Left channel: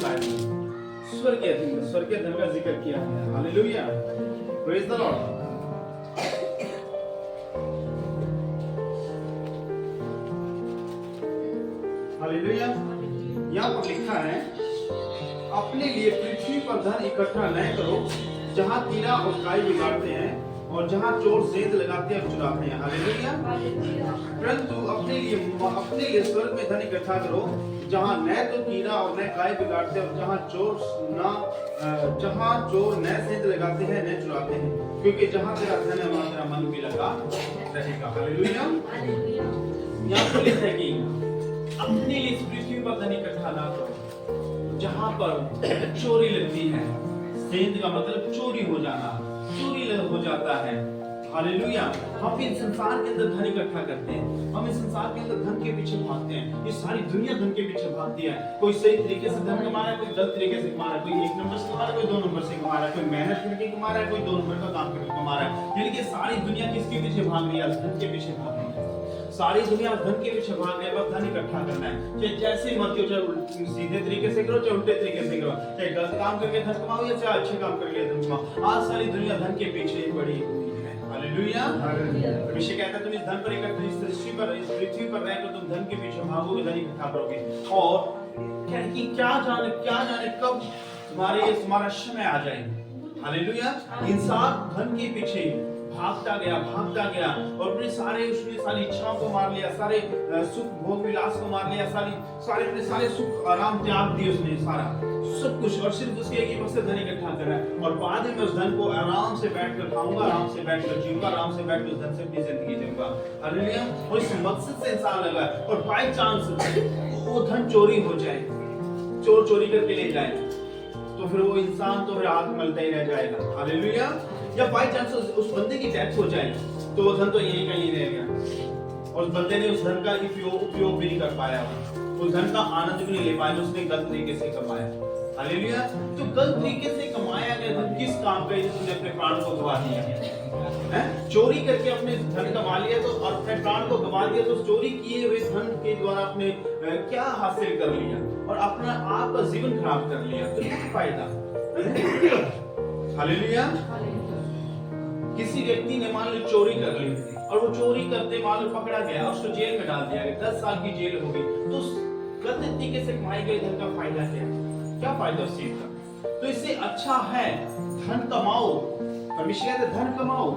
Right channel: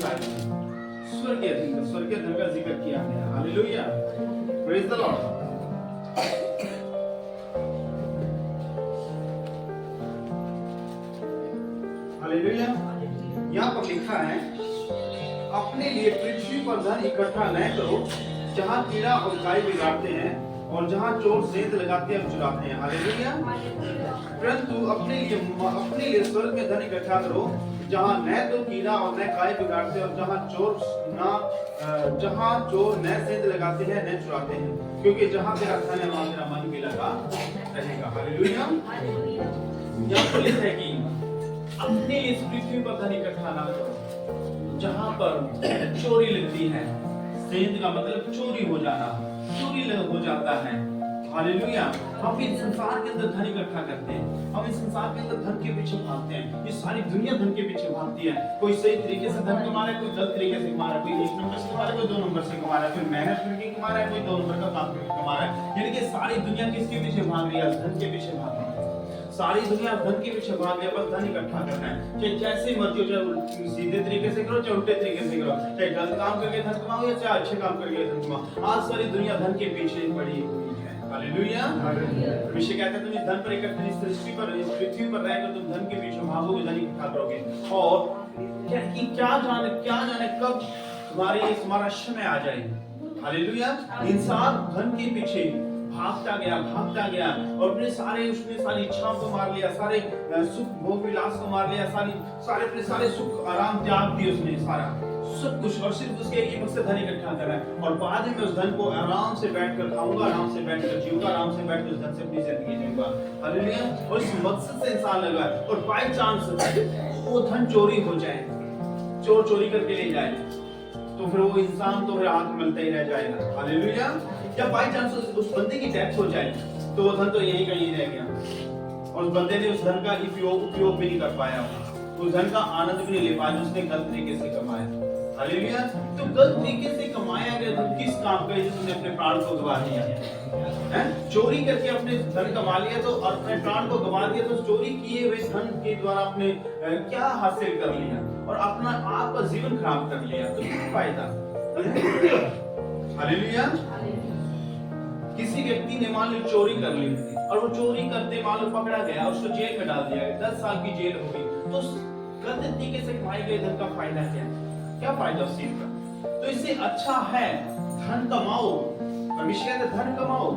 इस आयत में स्वर्गीय धन का जिक्र किया गया। Hallelujah, praise the Lord. Hallelujah. यहाँ पर लिखा है, अपने लिए पृथ्वी पर धन इकट्ठा न करो जहाँ कीड़ा और काई बिगाड़ते हैं और जहाँ चोर सेंध लगाते हैं और चुराते हैं। हालेलुया। परंतु अपने लिए स्वर्ग में धन इकट्ठा करो जहाँ न तो कीड़ा और न काई बिगाड़ते और जहाँ चोर न सेंध लगाते हैं न चुराते हैं, क्योंकि जहाँ तेरा धन है वहाँ तेरा मन भी लगा रहेगा। हालेलुया। यहाँ पर लिखा है कि अपने लिए पृथ्वी पर धन इकट्ठा ना करो जहाँ पर चोरी लगती है। सेंध का मतलब चोरी हो जाना, चोरी हो जाता है। हालेलुया। हम इस संसार के अंदर धन इकट्ठा करते हैं, हम इस संसार के अंदर धन के पीछे भागते हैं। ये सारी दुनिया धन के पीछे भागती है। कोई सही तरीके से धन कमा रहा है, कोई गलत तरीके से कमा रहा है, कोई 1 नंबर से कमा रहा है, कोई 2 नंबर से कमा रहा है, कोई मेहनत करके कमा रहा है, कोई 2 नंबर का काम करके कमा रहा है। यानी कि सारी दुनिया किसके पीछे भाग रही है? धन के पीछे भाग रही है। सारी दुनिया धन के पीछे भाग रही है, बस धन इकट्ठा करना है। चाहे जैसे मर्जी हो, चाहे सीधे तरीके से करो चाहे उल्टे तरीके से करो, चाहे गलत काम करके धन कमाओ या चाहे अच्छे काम करके धन कमाओ। आज सारी दुनिया धन के पीछे पड़ी हुई है। हालेलुया। परमेश्वर कहता है तुम इस धन पर इकट्ठे, इस पृथ्वी पर रहकर तुम धन के पीछे भागोगे, धन इकट्ठा करोगे। और क्या जाने कब तुम्हारा समय आ जाए। हालेलुया। इंसान धन के पीछे भागता गया और अपने उसने सारी इच्छाओं को मार लिया, सारे सुख भोग विलास को मार लिया, अपने सारे सुख आराम त्याग दिए उसने, सारा सब कुछ, और सिर्फ उसके एक मकसद धन इकट्ठा करा है। और बाद में उस धन को आराम से बैठकर खाऊंगा, आराम से बैठकर जीऊंगा, आराम से बैठकर उस धन से अपनी जिंदगी जीऊंगा। हालेलुया। और इस मकसद से इंसान लगा, और बाय चांस वो धन चोरी हो जाए, चोर चोरी करके ले जाए, तो फिर वो इंसान तो फिर आंख मलता ही रह जाएगा। हालेलुया। या बाय चांस उस बंदे की डेथ हो जाए तो वो धन तो यही का यही रह गया, और उस बंदे ने उस धन का उपयोग भी नहीं कर पाया, उस धन का आनंद भी नहीं ले पाया, उसने गलत तरीके से कमाया। हालेलुया। तो गलत तरीके से कमाया गया धन किस काम का है जिसने अपने प्राण को गवा दिया है? चोरी करके अपने धन कमा लिया तो, और अपने प्राण को गवा दिया तो चोरी किए हुए धन के द्वारा अपने क्या हासिल कर लिया और अपना आप का जीवन खराब कर लिया, तो क्या फायदा? हालेलुया। किसी व्यक्ति ने मान लो चोरी कर ली थी और वो चोरी करते मान लो पकड़ा गया और उसको जेल में डाल दिया गया, 10 साल की जेल हो गई, तो गलत तरीके से कमाई गई धन का फायदा क्या फायदा उस चीज का? तो इससे अच्छा है धन कमाओ, परमेश्वर कहते धन कमाओ,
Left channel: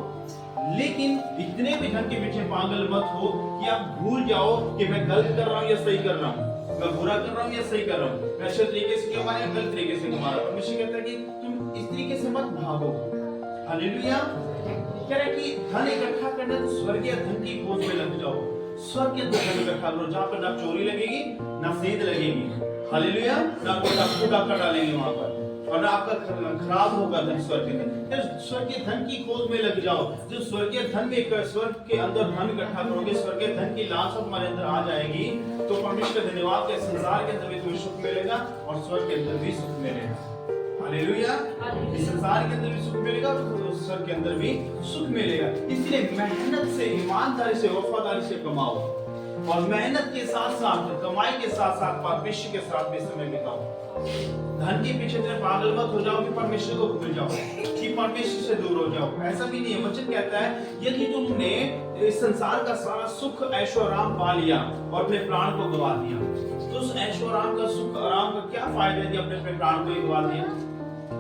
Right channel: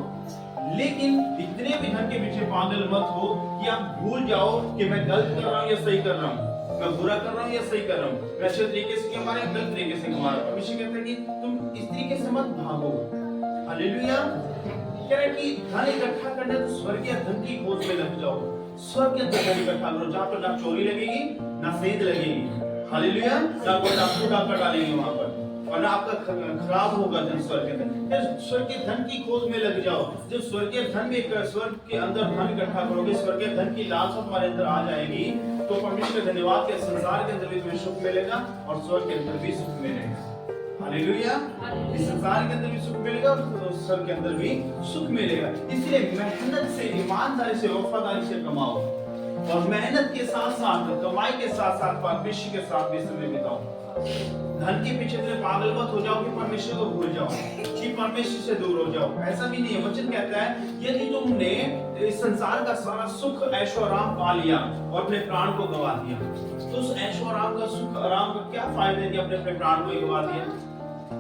लेकिन इतने भी धन के पीछे पागल मत हो कि आप भूल जाओ कि मैं गलत कर रहा हूँ या सही कर रहा हूँ, मैं बुरा कर रहा हूँ या सही कर रहा हूँ, मैं अच्छे तरीके से कमा रहा हूँ गलत तरीके से कमा रहा हूँ। परमेश्वर कहता है कि तुम इस तरीके से मत भागो। हालेलुया। कह रहा है कि धन इकट्ठा करना तो स्वर्गीय धन की खोज में लग जाओ, स्वर्गीय धन इकट्ठा करो जहाँ पर ना चोरी लगेगी ना सेंध लगेगी। हालेलुया। ना कोई डाकू डाका डालेंगे वहां पर, और ना आपका खराब होगा धन, स्वर्गीय धन। स्वर्गीय धन की खोज में लग जाओ। जो स्वर्गीय धन के स्वर्ग के अंदर धन इकट्ठा करोगे, स्वर्गीय धन की लालसा तुम्हारे अंदर आ जाएगी, तो परमेश्वर धन्यवाद के संसार के अंदर भी तुम्हें सुख मिलेगा और स्वर्ग के अंदर भी सुख मिलेगा। हालेलुया। इस संसार के अंदर भी सुख मिलेगा और स्वर्ग के अंदर भी सुख मिलेगा। इसलिए मेहनत से, ईमानदारी से, वफादारी से कमाओ, और मेहनत के साथ साथ, कमाई के साथ साथ परमेश्वर के साथ भी समय बिताओ। धन के पीछे इतने पागल मत हो जाओ कि परमेश्वर को भूल जाओ, कि परमेश्वर से दूर हो जाओ। ऐसा भी नहीं है। वचन कहता है यदि तुमने इस संसार का सारा सुख ऐशो आराम पा लिया और अपने प्राण को गवा दिया, तो उस ऐशो आराम का सुख आराम का क्या फायदा कि अपने प्राण को ही गवा दिया?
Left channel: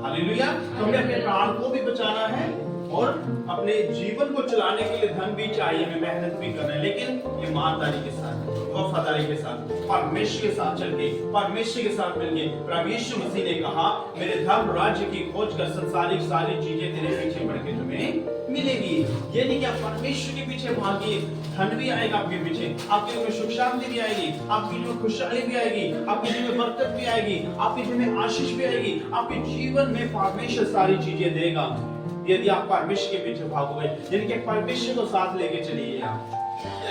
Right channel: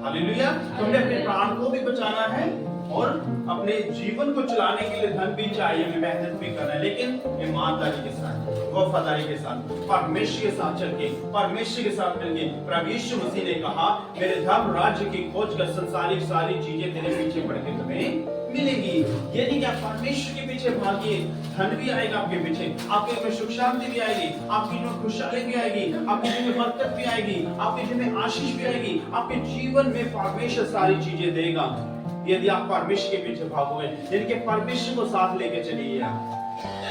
हालेलुया। तो हमें अपने प्राण को भी बचाना है और अपने जीवन को चलाने के लिए धन भी चाहिए, हमें मेहनत भी करना है, लेकिन ईमानदारी के साथ, वफादारी के साथ, परमेश्वर के साथ चल के, परमेश्वर के साथ मिलके। प्रभु यीशु मसीह ने कहा मेरे धर्म राज्य की खोज कर संसारिक सारी चीजें तेरे पीछे पड़ के तुम्हें मिलेंगी। यदि क्या परमेश्वर के पीछे भागिए, धन भी आएगा आपके पीछे, आपके में सुख शांति भी आएगी, आपकी जो खुशहाली भी आएगी, आपके जीवन में बरकत भी आएगी, आपके जीवन में आशीष भी आएगी, आपके जीवन में परमेश्वर सारी चीजें देगा यदि आप परमेश्वर के पीछे भागोगे। यानी कि परमेश्वर को साथ लेके चलिए, आप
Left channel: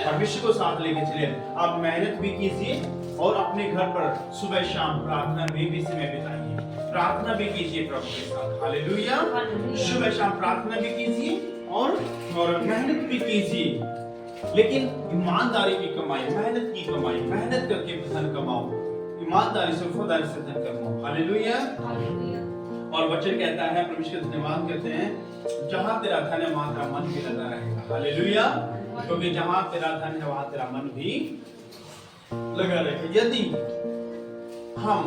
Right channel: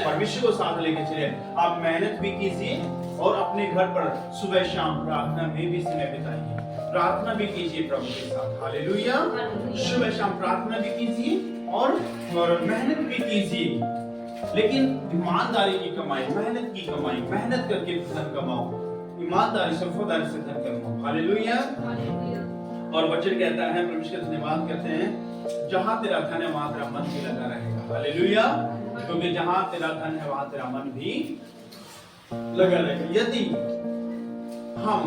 परमेश्वर को साथ लेके चलिए। आप मेहनत भी कीजिए और अपने घर पर सुबह शाम प्रार्थना में भी समय बिताइए, प्रार्थना भी कीजिए प्रभु के साथ। हालेलुया। सुबह शाम प्रार्थना भी कीजिए और मेहनत भी कीजिए, लेकिन ईमानदारी की कमाई, मेहनत की कमाई, मेहनत करके धन कमाओ, ईमानदारी से वफादारी से धन कमाओ। हालेलुया। और वचन कहता है, परमेश्वर का धन्यवाद करते हैं, जहां तेरा धन है वहां तेरा मन भी लगा रहेगा। हालेलुया। क्योंकि जहां तेरा धन है वहां तेरा मन भी लगा रहेगा। यदि हम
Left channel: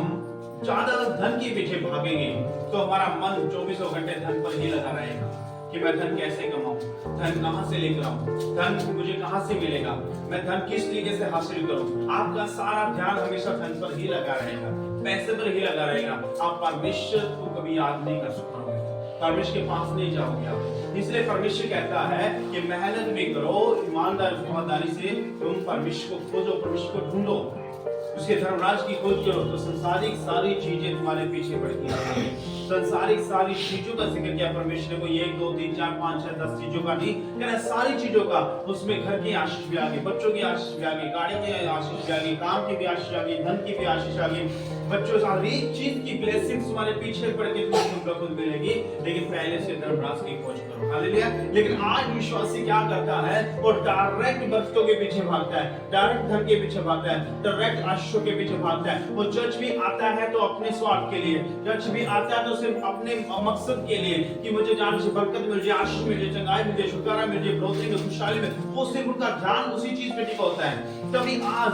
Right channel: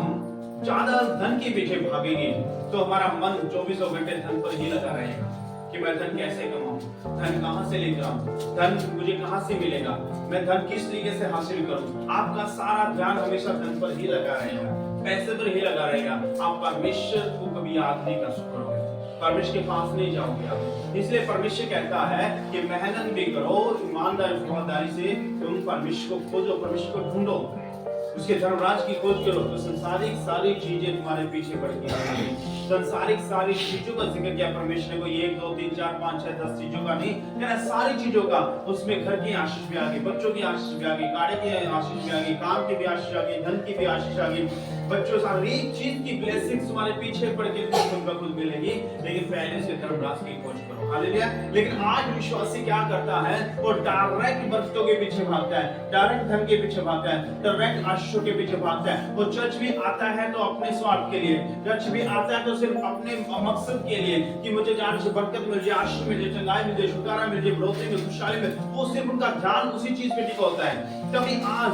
ज्यादा धन के पीछे भागेंगे तो हमारा मन 24 घंटे धन पर ही लगा रहेगा कि मैं धन कैसे कमाऊं, धन कहां से लेकर आऊं, धन मुझे कहां से मिलेगा, मैं धन किस तरीके से हासिल करूं। आपका सारा ध्यान हमेशा धन पर ही लगा रहेगा, पैसे पर ही लगा रहेगा। आप परमेश्वर को कभी याद नहीं कर सकते, परमेश्वर के पास नहीं जाओगे आप। इसलिए परमेश्वर कहता है कि मेहनत भी करो, ईमानदारी वफादारी से तुम परमेश्वर को खोजो, परमेश्वर को ढूंढो, उसके धर्मराज की खोज करो, तो संसारिक सारी चीजें तुम्हारे पीछे पड़ गई। संसारिक सारी चीजों का जिक्र किया परमेश्वर ने, कोई 1 2 3 4 5 6 10 चीजों का नहीं, कहना सारी चीजों का। उसमें घर की आशीष भी आ गई, बच्चों की आशीष भी आ गई, गाड़ी की आशीष भी आ गई, काम की भी आशीष आ गई, धन की भी आशीष आ गई, बच्चों सारी चीज की ब्लेसिंग्स तुम्हारे पीछे पड़ के तुमको खुद मिलेगी। लेकिन पहले से धर्मराज की खोज करो। हालेलुया। लेकिन आज विश्वासी क्या करता है, वो डायरेक्ट बरकतों के पीछे भागता है, डायरेक्ट धन के पीछे भागता है, डायरेक्ट आशीषों के पीछे भागता है। वो चर्च भी आता है तो अपने स्वार्थ के लिए, चर्च भी आता है तो सिर्फ अपने मकसद के लिए कि मुझे जाने से बरकत मिल जाए, आशीष मिल जाए, चंगाई मिल जाए, छुटकारा मिल जाए, बढ़ोतरी में, खुशहाली में। वो सिर्फ उनका ध्यान उसी चीज पे टिका होता है। तभी आज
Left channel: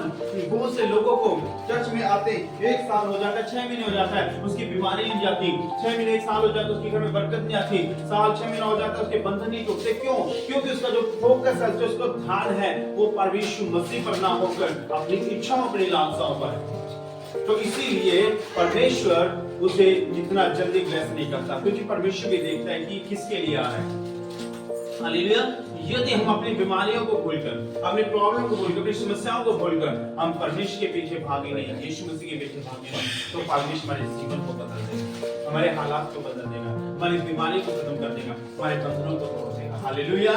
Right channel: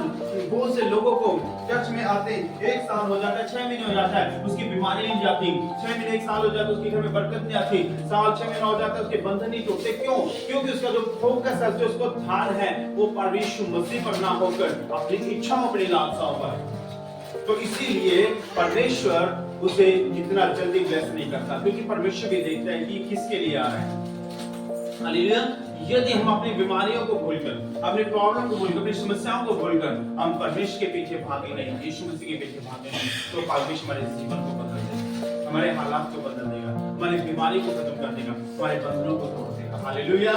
बहुत से लोगों को चर्च में आते 1 साल हो जाता है, 6 महीने हो जाता है, उसकी बीमारी नहीं जाती, 6 महीने 1 साल हो जाता है, उसके घर में बरकत नहीं आती, साल 6 महीना हो जाता है, उसके बंधन नहीं टूटते। क्यों? क्योंकि उसका जो फोकस है, जो उसका ध्यान है, वो परमेश्वर मसीह पर ना होकर अपनी इच्छाओं, अपनी लालसाओं पर है। तो इसीलिए परमेश्वर उसे जितना जल्दी ब्लेस नहीं करता, क्योंकि परमेश्वर भी देखता है कि किसके लिए आ रहा है। हालेलुया। यदि हम अपनी बीमारियों को भूलकर, अपनी प्रॉब्लम को भूलकर, अपनी समस्याओं को भूलकर हम परमेश्वर के पीछे भागे नहीं, यीशु मसीह के पीछे भागे नहीं, तो परमेश्वर हमारे जीवन को बदल देगा, हमारे हालात को बदल देगा, हमारी बीमारी को खत्म कर देगा, हमारे बंधनों को तोड़ देगा। हालेलुया।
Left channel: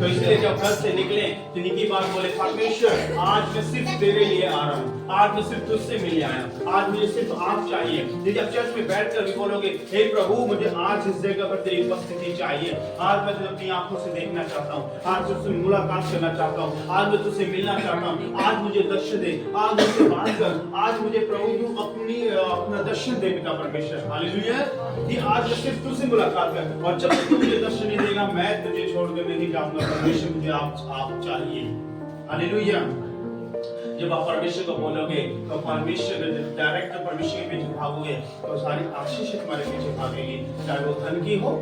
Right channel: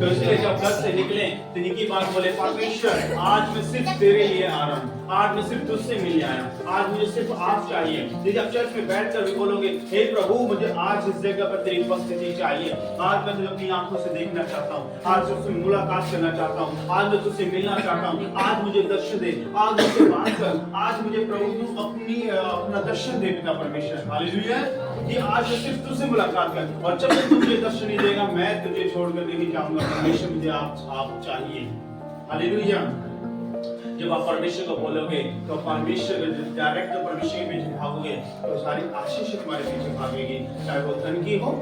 तो इसलिए जब घर से निकले तो निकी बात बोले, परमेश्वर आज मैं सिर्फ तेरे लिए आ रहा हूँ, आज मैं सिर्फ तुझसे मिलने आया हूँ, आज मुझे सिर्फ आप चाहिए। यदि आप चर्च में बैठकर भी बोलोगे, हे प्रभु मुझे आज इस जगह पर तेरी उपस्थिति चाहिए, आज मैं तुझे अपनी आंखों से देखना चाहता हूँ, आज तुझसे मुलाकात करना चाहता हूँ, आज मैं तुझसे मिलना चाहता हूँ, आज मुझे दर्शन दे, आज मुझसे बात कर, आज मुझे प्रभु अपना दर्शन दे पिता परमेश्वर। हालेलुया। कि आज मैं सिर्फ तुझसे मुलाकात कर, और जब तक तू मुझे दर्शन नहीं देगा मैं तुझे छोड़कर नहीं जाऊंगा। परमेश्वर मुझे आप चाहिए। हालेलुया। जब आप परमेश्वर को बोलोगे तो परमेश्वर डायरेक्ट जब परमेश्वर के पीछे भागोगे तो सारी आशीष तुम्हारे पीछे भागेगी, चाहे वो धन की हो,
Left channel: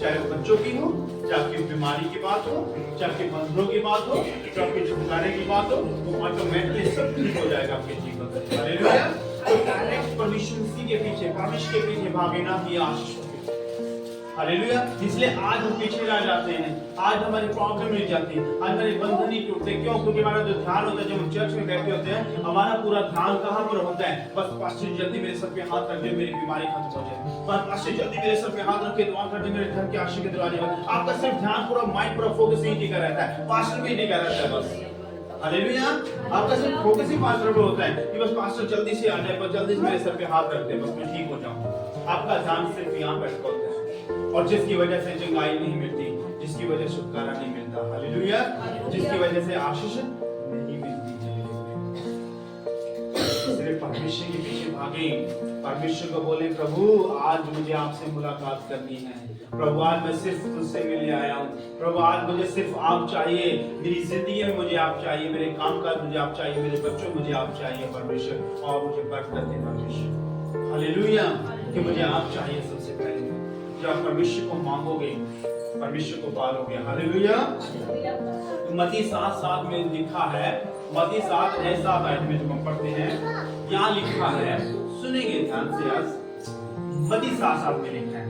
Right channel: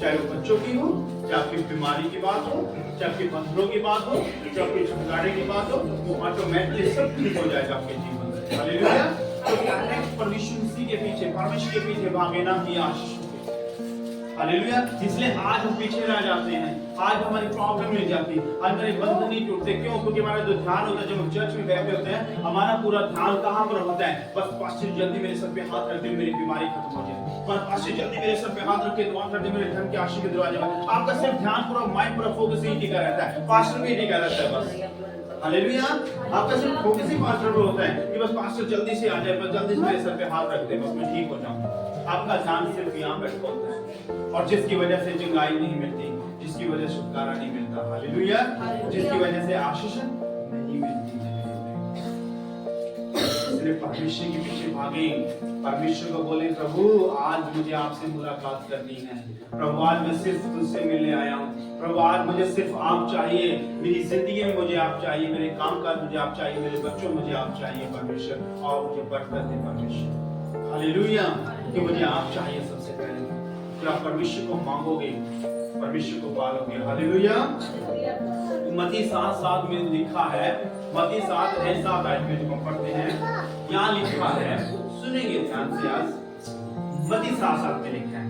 चाहे वो बच्चों की हो, चाहे आपकी बीमारी की बात हो, चाहे आपके बंधनों की बात हो, चाहे आपके छुटकारे की बात हो, वो ऑटोमेटिकली सब ठीक हो जाएगा आपके जीवन में। हालेलुया। तो डायरेक्ट परमेश्वर के पीछे, परमेश्वर के पीछे भागे ना कि आशीष। हालेलुया। इसलिए आज हम पीछे रह जाते हैं, आज हमारी प्रॉब्लम मिल जाती है, आज हमारे बंधन नहीं टूटते। क्यों? क्योंकि हमारा जो ध्यान होता है, जब हम चर्च में बैठे होते हैं, हमारा पूरा ध्यान कहां पर होता है? बस पास्टर जल्दी मेरे सर पे हाथ रख दे, मेरी बीमारी खत्म हो जाए, बस पास्टर जल्दी मेरे सर पे हाथ रख के दुआ कर दे, मेरे धन के आशीष के दरवाजे पर। आपका सिर्फ ध्यान पूरा, माइंड पूरा फोकस यही टिका रहता है, पास्टर भी टिका रहता है बस। हालेलुया। आपका सिर्फ फोकस ही पास्टर पर होता है कि बस पास्टर जल्दी से आ जाए, बस जल्दी से मेरे सर पे हाथ रख दे, बस मैं ठीक हो जाऊं। आपका ध्यान सिर्फ यहाँ बैठ होता है, और जिसकी वजह से चंगाई नहीं मिलती, जिसकी वजह से छुटकारा नहीं मिलता। हालेलुया। जिसकी वजह से आशीष नहीं मिलती है। सिर्फ परमेश्वर के पीछे भागे, परमेश्वर को बोले, प्रभु आज मुझे आपसे मुलाकात करनी है, प्रभु आज मैं सिर्फ तुझसे मिलने आया हूँ, प्रभु आज मुझे सिर्फ आप चाहिए, मेरी जिंदगी में मुझे आप चाहिए, मेरे काम काज मुझे आप चाहिए, मेरे बच्चों मुझे आप चाहिए परमेश्वर, और मुझे बरकत दे परमेश्वर। हालेलुया। कि मुझे आप चाहिए सबसे पहले। जब आप परमेश्वर को मांगोगे, परमेश्वर को पालोगे। हालेलुया। मत्ती 7:7 में लिखा है, मत्ती 7:7 में जो हम पढ़ते हैं, यहाँ लिखा है, सुनेंगे ध्यान से आज। मत्ती 7:7 में लिखा है,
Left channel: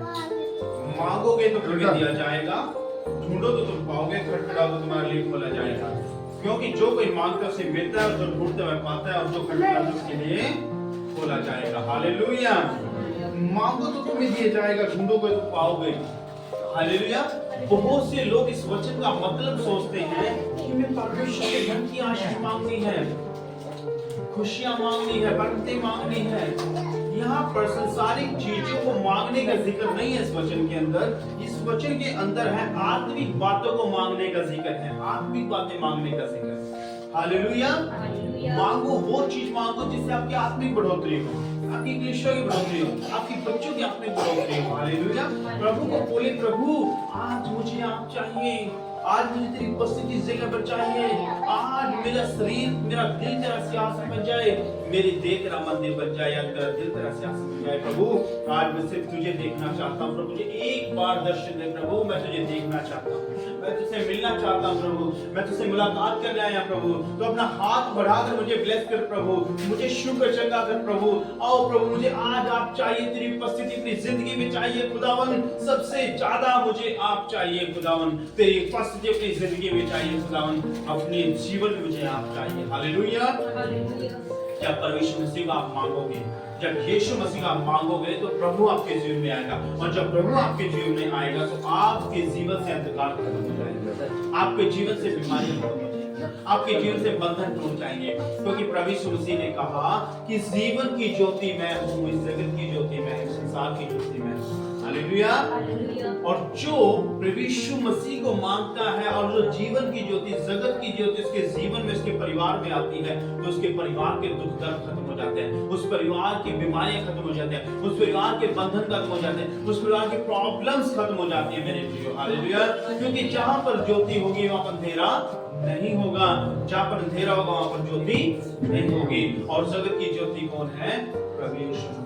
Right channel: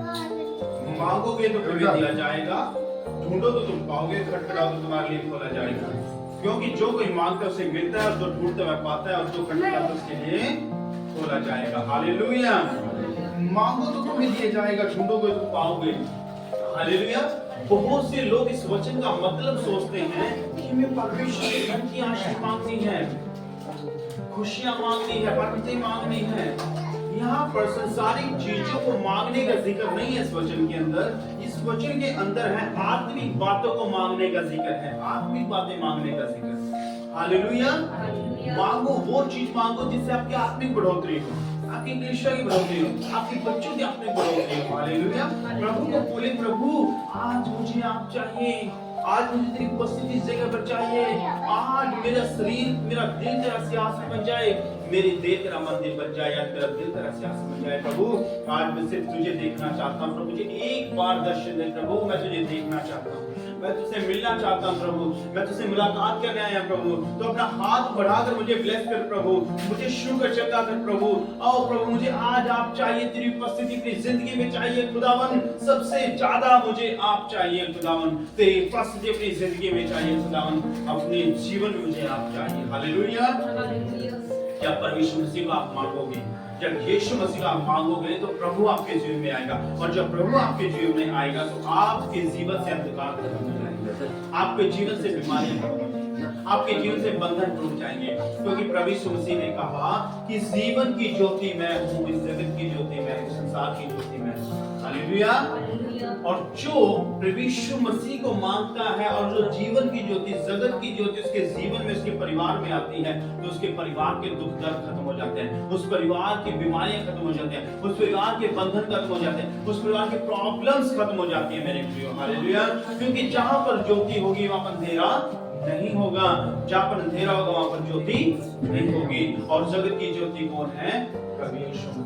मांगोगे तो तुम्हें दिया जाएगा, ढूंढो तो तुम पाओगे, खटखटाओ तो तुम्हारे लिए खोला जाएगा। क्योंकि जो कोई मांगता उसे मिलता है, और जो ढूंढता है पाता है, और जो खटखटाता है उसके लिए खोला जाएगा। हालेलुया। मांगो तो तुम्हें दिया जाएगा, ढूंढोगे तो पाओगे। हालेलुया। बहुत से लोग इस वचन का मतलब सोचते हैं कि मैं परमेश्वर के धन की आशीष मांगनी है, खुशियां मांगनी है, बरकतें मांगनी है। यहाँ पर संसारिक चीजों को मांगने का जिक्र नहीं है इस वचन के अंदर। इस वचन के अंदर है आत्मिक बातों को मांगने का जिक्र है, आत्मिक बातें मांगने का जिक्र। हालेलुया। मांगो वो चीज मांगो जिससे आपकी आत्मिक बढ़ोतरी हो, आपकी कलीसिया की बढ़ोतरी हो, आपकी बच्चों की आत्मिक बढ़ोतरी हो। हालेलुया। प्रभु को बोले, प्रभु आज मुझे आप चाहिए, आज मुझे तेरी उपस्थिति इस जगह पर चाहिए, आज मेरा शरीर मेरा दिल तेरा सिंहासन बन जाए, मेरी देह तेरा मंदिर बन जाए, आज मेरा दिल तेरा सिंहासन बन जाए। प्रभु आज मैं सिर्फ तुझे देखना चाहता हूँ प्रभु, मुझे एक बार दर्शन दे प्रभु, मैं तुझे देखना चाहता हूँ, मैं तुझसे मिलना चाहता हूँ प्रभु, मैं तुझसे मुलाकात करने आया प्रभु। तो अपना हाथ बढ़ाकर मुझे ब्लेस कर प्रभु, मुझे शुक्र चढ़ा कर प्रभु। आओ प्रभु, मुझे आज आप चाहिए, तेरी उपस्थिति अपनी जिंदगी में चाहिए खुदावन, सबसे ज्यादा मुझे आप चाहिए खुदावन, तेरी उपस्थिति अपनी जिंदगी में चाहिए खुदावन, अपने जीवन में मुझे आप चाहिए। हालेलुया। क्या परमेश्वर मसीह को आप मांगोगे, जब यीशु मसीह का आप मांगोगे तो प्रभु आपके जीवन में आएगा, और जब प्रभु आपके जीवन में आएगा तो आपके जीवन से अंधकार खत्म हो जाएगा, आपके जीवन से बीमारियां खत्म हो जाएंगी, आपके जीवन से बंधन टूट जाएंगे, क्योंकि प्रभु यीशु मसीह ने कहा कि जीवन की ज्योति मैं हूँ, इस जगत की ज्योति मैं हूँ, संसार की ज्योति मैं हूँ। हालेलुया। और जो प्रभु यीशु मसीह को मानता है और जो जीवन की ज्योति, जगत की ज्योति उसके जीवन में, उसके परिवार में आती है, तो उसके परिवार के दुख दर्द खत्म हो जाते हैं, उस परिवार की बीमारियां खत्म हो जाते हैं, उस परिवार के बंधन खत्म हो जाते हैं, उस परिवार के प्रॉब्लम्स खत्म हो जाती है मेरे प्रियो। हालेलुया। क्योंकि जहां पर ज्योति होगी वहां पर अंधेरा नहीं होगा, जहां पर अंधेरा होगा वहां पर ज्योति नहीं होगी। और जगत की ज्योति कौन है? प्रभु यीशु मसीह।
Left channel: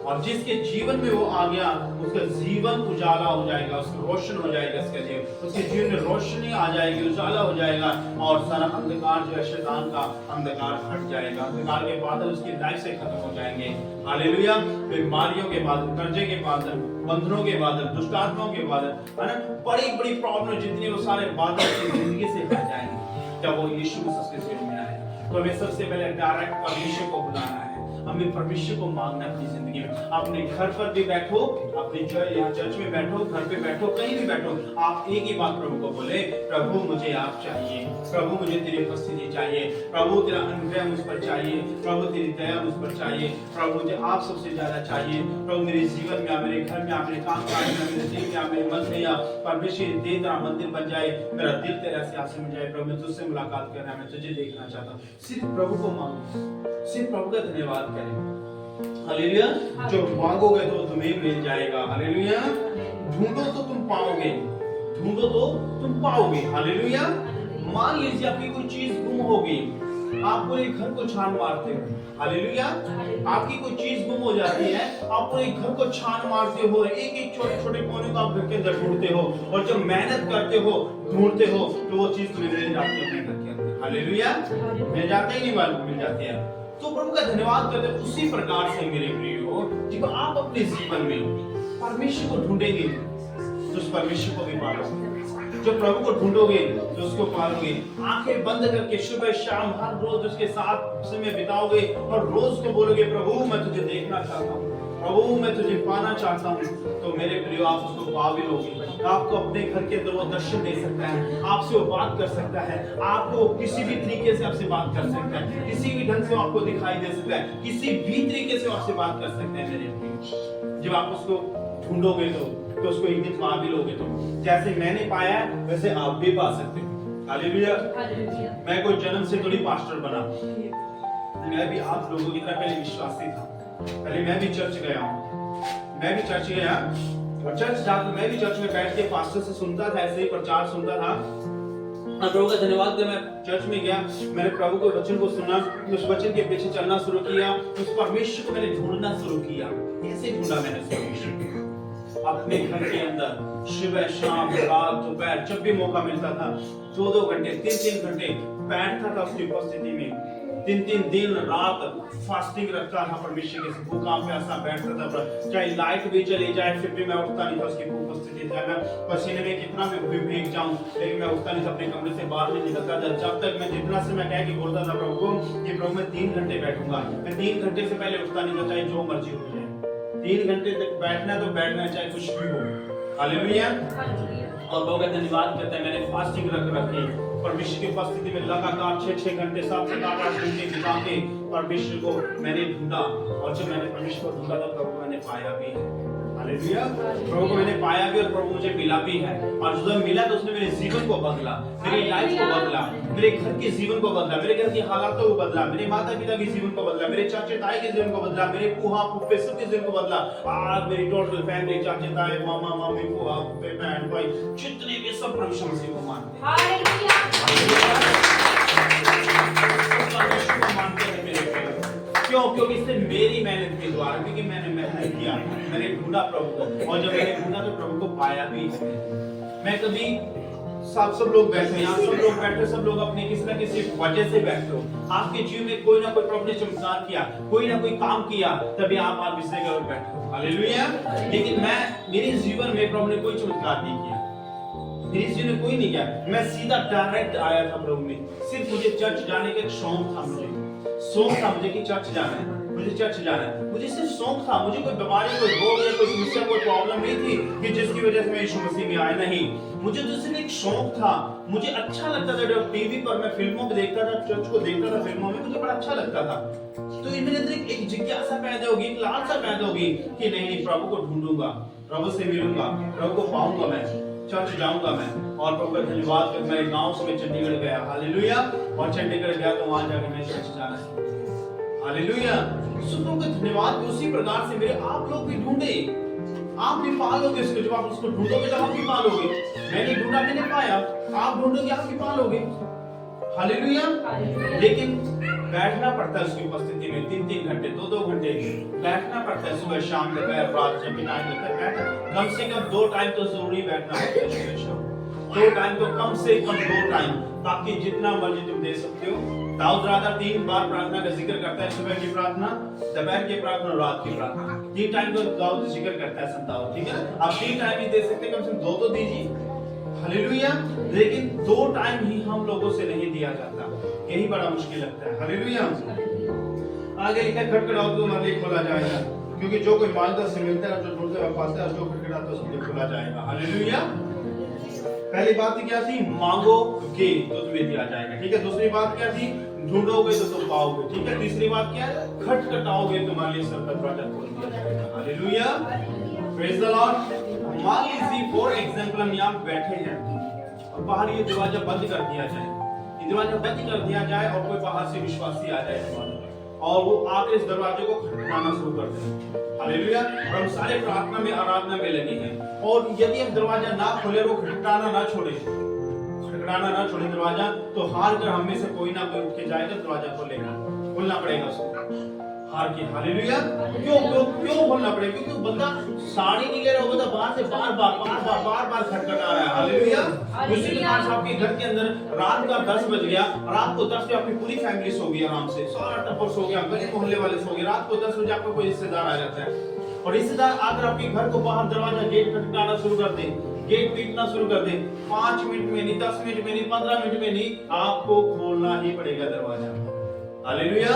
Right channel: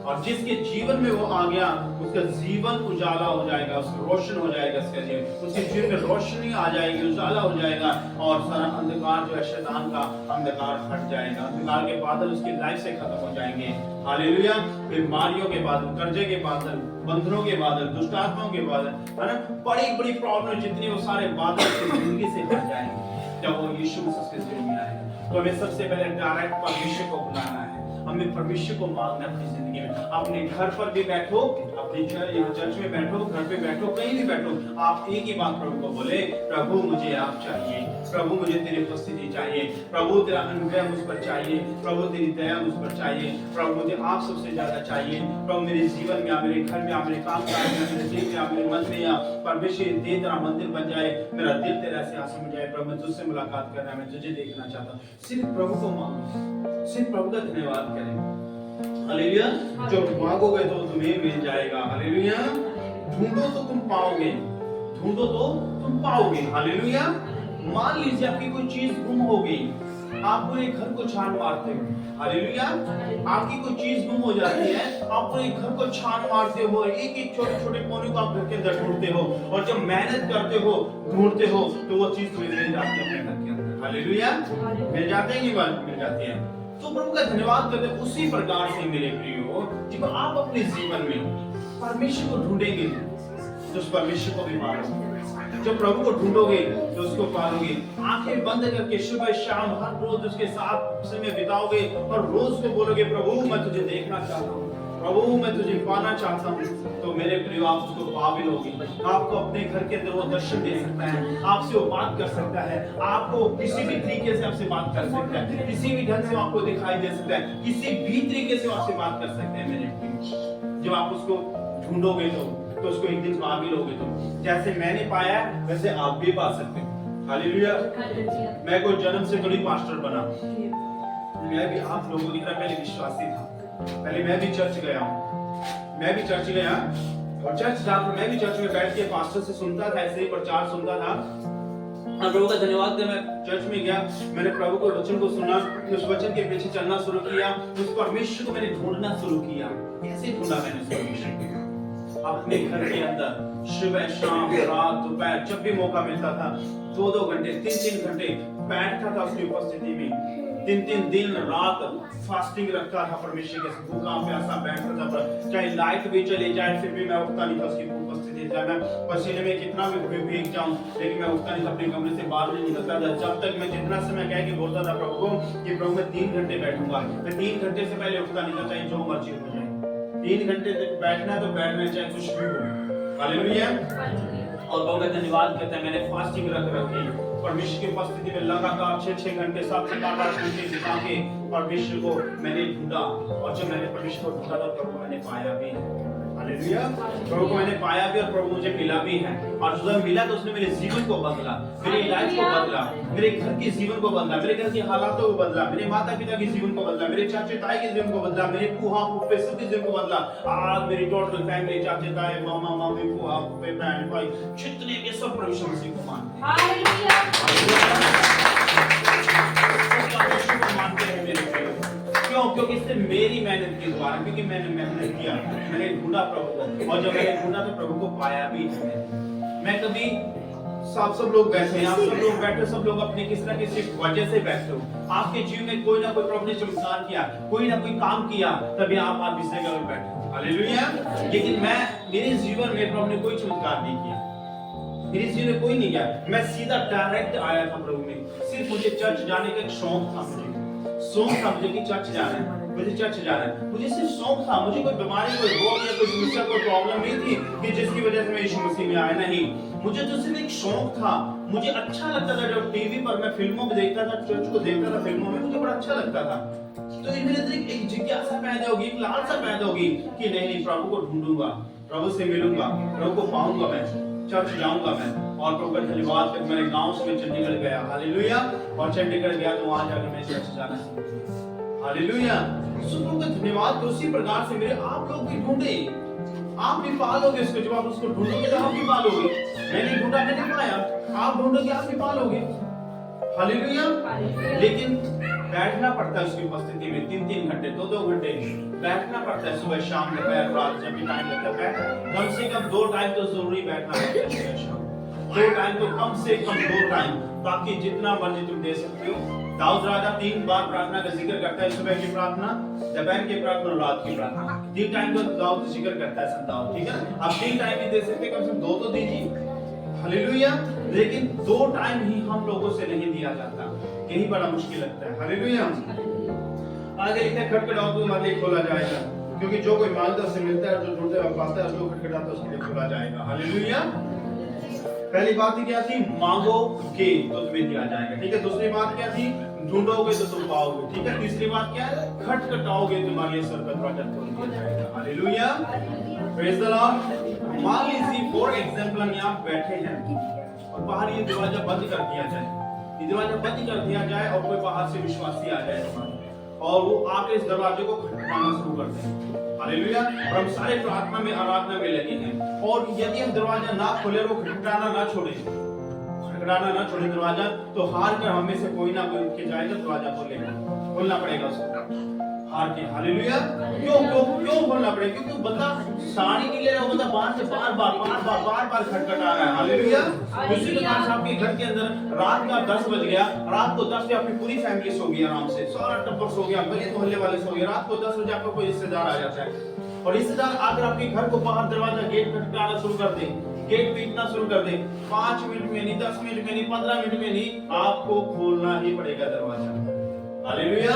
और जिसके जीवन में वो आ गया उसका जीवन उजाला हो जाएगा, उसका रोशन हो जाएगा, उसका जीवन, उसके जीवन में रोशनी आ जाएगी, उजाला हो जाएगा, और सारा अंधकार जो है शैतान का अंधकार हट जाएगा, अंधकार के बादल उसकी लाइफ से खत्म हो जाएंगे। हालेलुया। बीमारियों के बादल, कर्जे के बादल, बंधनों के बादल, दुष्टात्माओं के बादल, है ना, बड़ी बड़ी प्रॉब्लम जितनी, वो सारे बादल उसकी जिंदगी से हट जाएंगे जब वो यीशु मसीह के जीवन में आए। तो हमें सबसे पहले डायरेक्ट परमेश्वर को बुलाना है, हमें परमेश्वर को मांगना अपनी जिंदगी में। अपने घर पर भी बैठो, अपने चर्च में बैठो, घर पे बैठो, कहीं भी बैठो, आप एक ही बात प्रभु को बोले, प्रभु मुझे आप चाहिए, प्रभु मुझे तेरी उपस्थिति चाहिए, प्रभु तेरा अनुग्रह मुझ पर चाहिए, प्रभु तेरी दया मुझ पर चाहिए, प्रभु मुझे आप सबसे ज्यादा चाहिए। प्रभु मेरे जीवन में, मेरे घर में, मेरे काम काज में, मेरे दिल में, मेरे मन में, या परमेश्वर दे तेरा मंदिर बन जाए, मेरा दिल तेरा सिंहासन बन जाए। प्रभु मैं तुझसे मुलाकात करना है, मैं तुझे देखना चाहता हूँ। सिर्फ प्रभु को मांगो, सिर्फ प्रभु का धन्यवाद करें। हालेलुया। जो मांगोगे तो तुम्हें मिल जाएगा। हालेलुया। ढूंढो तो तुम पाओगे, ढूंढो तो तुम पाओगे। हालेलुया। मान लीजिए आपकी कोई चीज गुम हो गई, आप पूरे घर को छान मारते हो। हालेलुया। आपकी कोई चीज गुम हो जाती है, आप पूरे घर को छान मारते हो, एक एक छोटे छोटे कोने को आप घर के अंदर ढूंढते हो, और जब मेहनत करते हो, ढूंढते हो, तो वो चीज तुम्हें मिल जाती है अपने घर के अंदर। हालेलुया। मिल जाते ही नहीं, मिल जाती है। तो प्रभु का धन्यवाद करते। उसी प्रकार से मेरे प्रियो, जब आप अपने जीवन में परमेश्वर को ढूंढेंगे तो उस परमेश्वर को भी पालोगे, जो प्रभु को ढूंढोगे तो उसको पालोगे। आंखें बंद करके सुबह शाम हर रोज उसके साथ समय बिताओगे, और रोज को बोलोगे, प्रभु मैं तुझे देखना चाहता हूँ, प्रभु मैं तुझे पाना चाहता हूँ। तो मेरे प्रियो आप उसको पा भी लोगे। आपको अपने घर के अंदर वो दर्शन दे सकता है, आपसे वो बात कर सकता है, आपको किसी भी तरीके से आपसे बात कर सकता है, किसी भी ढंग से आपको दिखाई दे सकता है, किसी भी तरीके से आपसे बात कर सकता है। मेरे प्रियो जब आप उसको ढूंढोगे तो उसको एक दिन पा भी लोगे। तो जैसे मैंने पाया वैसे आप भी पा सकते हो। हालेलुया। मैं कोई जन्म से थोड़ी पास्टर बना, मैं भी आप लोगों की तरह पहले विश्वासी था। पहले मैं भी चर्च गया हूँ, मैं भी चर्च गया, और चर्च जाकर मैं भी चर्च में बैठ के पास्टर से सुनता था, ऐसे ही प्रचार सुनता था। और प्रभु का धन्यवाद कर मैं चर्च में गया, मैंने प्रभु के वचन को सुना, उस वचन के पीछे चलना शुरू किया, उस परमेश्वर को मैंने ढूंढना शुरू किया। कैसे ढूंढा मैंने उस परमेश्वर को? अपने घर के अंदर सुबह शाम रात दोपहर जब भी मौका मिलता था 2-2 घंटे 3-3 घंटे बैठता था उसकी उपस्थिति में। 3-3 दिन रात फास्टिंग रखता था परमेश्वर के भूखा प्यासा बैठता था, चाहे लाइट भी चली जाए फिर भी मैं उठता नहीं था उसकी उपस्थिति से। मैं पसीने में कितना भी भीग जाऊं लेकिन मैं उठता नहीं था, अपने कमरे से बाहर नहीं निकलता था, जब तक मैं जितना से मैं कह के बोलता था प्रभु को कि प्रभु मैं 3 घंटे बैठूंगा। मैं 3 घंटे से पहले उठता नहीं था, चाहे जो मर्जी हो जाए। 3 घंटे तक बैठना तो बैठना, चाहे कुछ भी हो। हालेलुया। और प्रभु का धन्यवाद करता है, मैंने फास्टिंग रख रखी परमेश्वर की उपस्थिति में लगातार 6-6 घंटे 7-8 घंटे बिता के परमेश्वर को मैंने ढूंढा। और जब मैंने परमेश्वर को ढूंढा तो प्रभु मैंने पाया भी। हालेलुया। प्रभु को मैंने पाया भी और प्रभु मुझे मिला भी है, और जब मिला तो उसने मेरे जीवन को बदला, मेरी लाइफ को बदला, मेरे घर के जीवन को बदला, मेरे घर की हालातों को बदला, मेरे माता पिता के जीवन को बदला, मेरे चाचे ताई के जीवन को बदला, मेरे फूफा फूफे सबके जीवन को बदला। आज मेरी टोटल फैमिली, चाचे ताई, मामा मामी, फूफा फूफे, बहन भाई, जितने के सब प्रभु यीशु मसीह को मानते हैं। मानते हैं मेरे प्रिय। क्यों? क्योंकि इससे मेरी मेहनत के द्वारा, क्योंकि मैंने मेहनत किया, मैंने ढूंढा प्रभु को, और जब मैंने ढूंढा तो प्रभु को पाया भी है। मैं कभी सब लोग बैठे, यहाँ सब लोग बैठे, सब लोग अपनी किसी न किसी वजह से बैठे हो। आपके जीवन में कोई ना कोई प्रभु ने चमत्कार किया, कोई ना कोई काम किया, तभी आप इस जगह पर बैठे हो। हालेलुया। लेकिन मेरे जीवन में प्रभु ने कोई चमत्कार नहीं किया, मेरे जीवन में कोई नहीं किया। मैं सीधा डायरेक्ट आया था प्रभु में। सिर्फ मुझे चर्च जाने का एक शौक था, मुझे कि चर्च जाना है, मुझे चर्च जाना है, मुझे सिर्फ शौक था। मुझे कोई बीमारी, कोई रोग या कोई समस्या, कोई प्रॉब्लम नहीं थी कि जिसकी वजह से मैं यीशु मसीह में आया, नहीं। मुझे तो सिर्फ एक शौक था। मुझे अच्छा लगता था जब टीवी पर मैं फिल्मों में देखता था, चर्च को देखता था फिल्मों में, मुझे बड़ा अच्छा लगता था। तो मेरे अंदर एक जिज्ञासा पैदा होगी, एक लालसा पैदा होगी कि नहीं, प्रभु को ढूंढूंगा, प्रभु से मिलूंगा, प्रभु को पाऊंगा, मैं चर्च जाऊंगा मैं। और प्रभु का धन्यवाद कि मैं गांव से चंडीगढ़ गया, हालेलुया। और चंडीगढ़ गया तो वहां जाकर मैं चर्च जाना सीखा, हालेलुया। सुनो का धन्यवाद। तो उसी प्रकार से मेरे आप लोग भी ढूंढे, आप भी पालोगे उसको। जब आप उसको ढूंढोगे तो आप भी पालोगे। मैंने ढूंढा, मैंने पाया, आप ढूंढोगे, आप भी पालोगे, हालेलुया। लेकिन बैठना पड़ता है उसकी उपस्थिति में 3-3 घंटे, 2-2 घंटे बैठना पड़ता है। सुबह शाम दोपहर रात जब भी टाइम लगता है बैठना, कम से कम 2 टाइम तो जरूरी बैठना पड़ता है। सुबह शाम 2 टाइम तो कम से कम 2 टाइम, ताकि जितना मर्जी तुम दे सकते हो। दाऊद राजा 3 बार प्रार्थना का जिक्र करता है, सुबह की प्रार्थना, दोपहर की प्रार्थना और रात की प्रार्थना। 3 टाइम तो दाऊद जिक्र करता है संत दाऊद, ठीक है। अब 3 टाइम ही दे सकते, कम से कम 2 तो दीजिए, हालेलुया। लेकिन 2 टाइम ही हम लोगों से नहीं दिया जाता, यही बड़ा मुश्किल लगता है, हालेलुया। आगे लिखा है, खटखटाओ तो मालिक खोला जाएगा, क्योंकि जो कोई मांगता से मिलता है, जो ढूंढता है पाता है, जो खटखटाता है उसके लिए खोला जाएगा, हालेलुया। पहली बात क्या थी? मांगोगे तो तुम्हें दिया जाएगा, ठीक है। दूसरी बात क्या थी? ढूंढोगे तो तुम पाओगे, ठीक है। तीसरी बात क्या है? खटखटाओगे तुम्हारे लिए सब दरवाजा खोल दिया जाएगा, हालेलुया, प्रेज द लॉर्ड। मान लीजिए फॉर एग्जांपल हम यहाँ बैठे हैं और बाहर ये दरवाजा बंद कर दिया जाए, ये दरवाजा बंद कर दिया जाए और कोई बाहर से विश्वासी आ जाए हमारे, और वो आकर इस दरवाजे को खटखटाना शुरू कर दें, हालेलुया। और हम सारे प्रार्थना में, आराधना में लगे हैं, और यदि हम दरवाजा ना खोले, वो खटखटाना ना छोड़े दरवाजा, तो हार कर हमें से कोई ना कोई उठ के जाएगा, दरवाजा खोलना पड़ेगा उसको, हार के, हालेलुया। क्यों खोलना पड़ेगा? क्योंकि बंदा साड़ी नहीं ले रहा, बंदा बाहर से बार बार खटखटा रहा है, हालेलुया। उसी प्रकार से आपके घर के अंदर रात का 10 बज गया, रात को 10 बजे आपकी पूरी फैमिली सो गई आराम से, सारा टब्बर सो गया, गली मोहल्ले वाले सो गए, रात को 10 बजे आपका कोई रिश्तेदार आ जाता है, और रिश्तेदार आकर आपके घर को बाहर दरवाजा गेट खटखटाना शुरू कर दे, गेट पीटना शुरू कर दे। 5 मिनट में नहीं, 10 मिनट में नहीं, 15 मिनट में नहीं, आपको खोलना ही पड़ेगा दरवाजा, हालेलुया।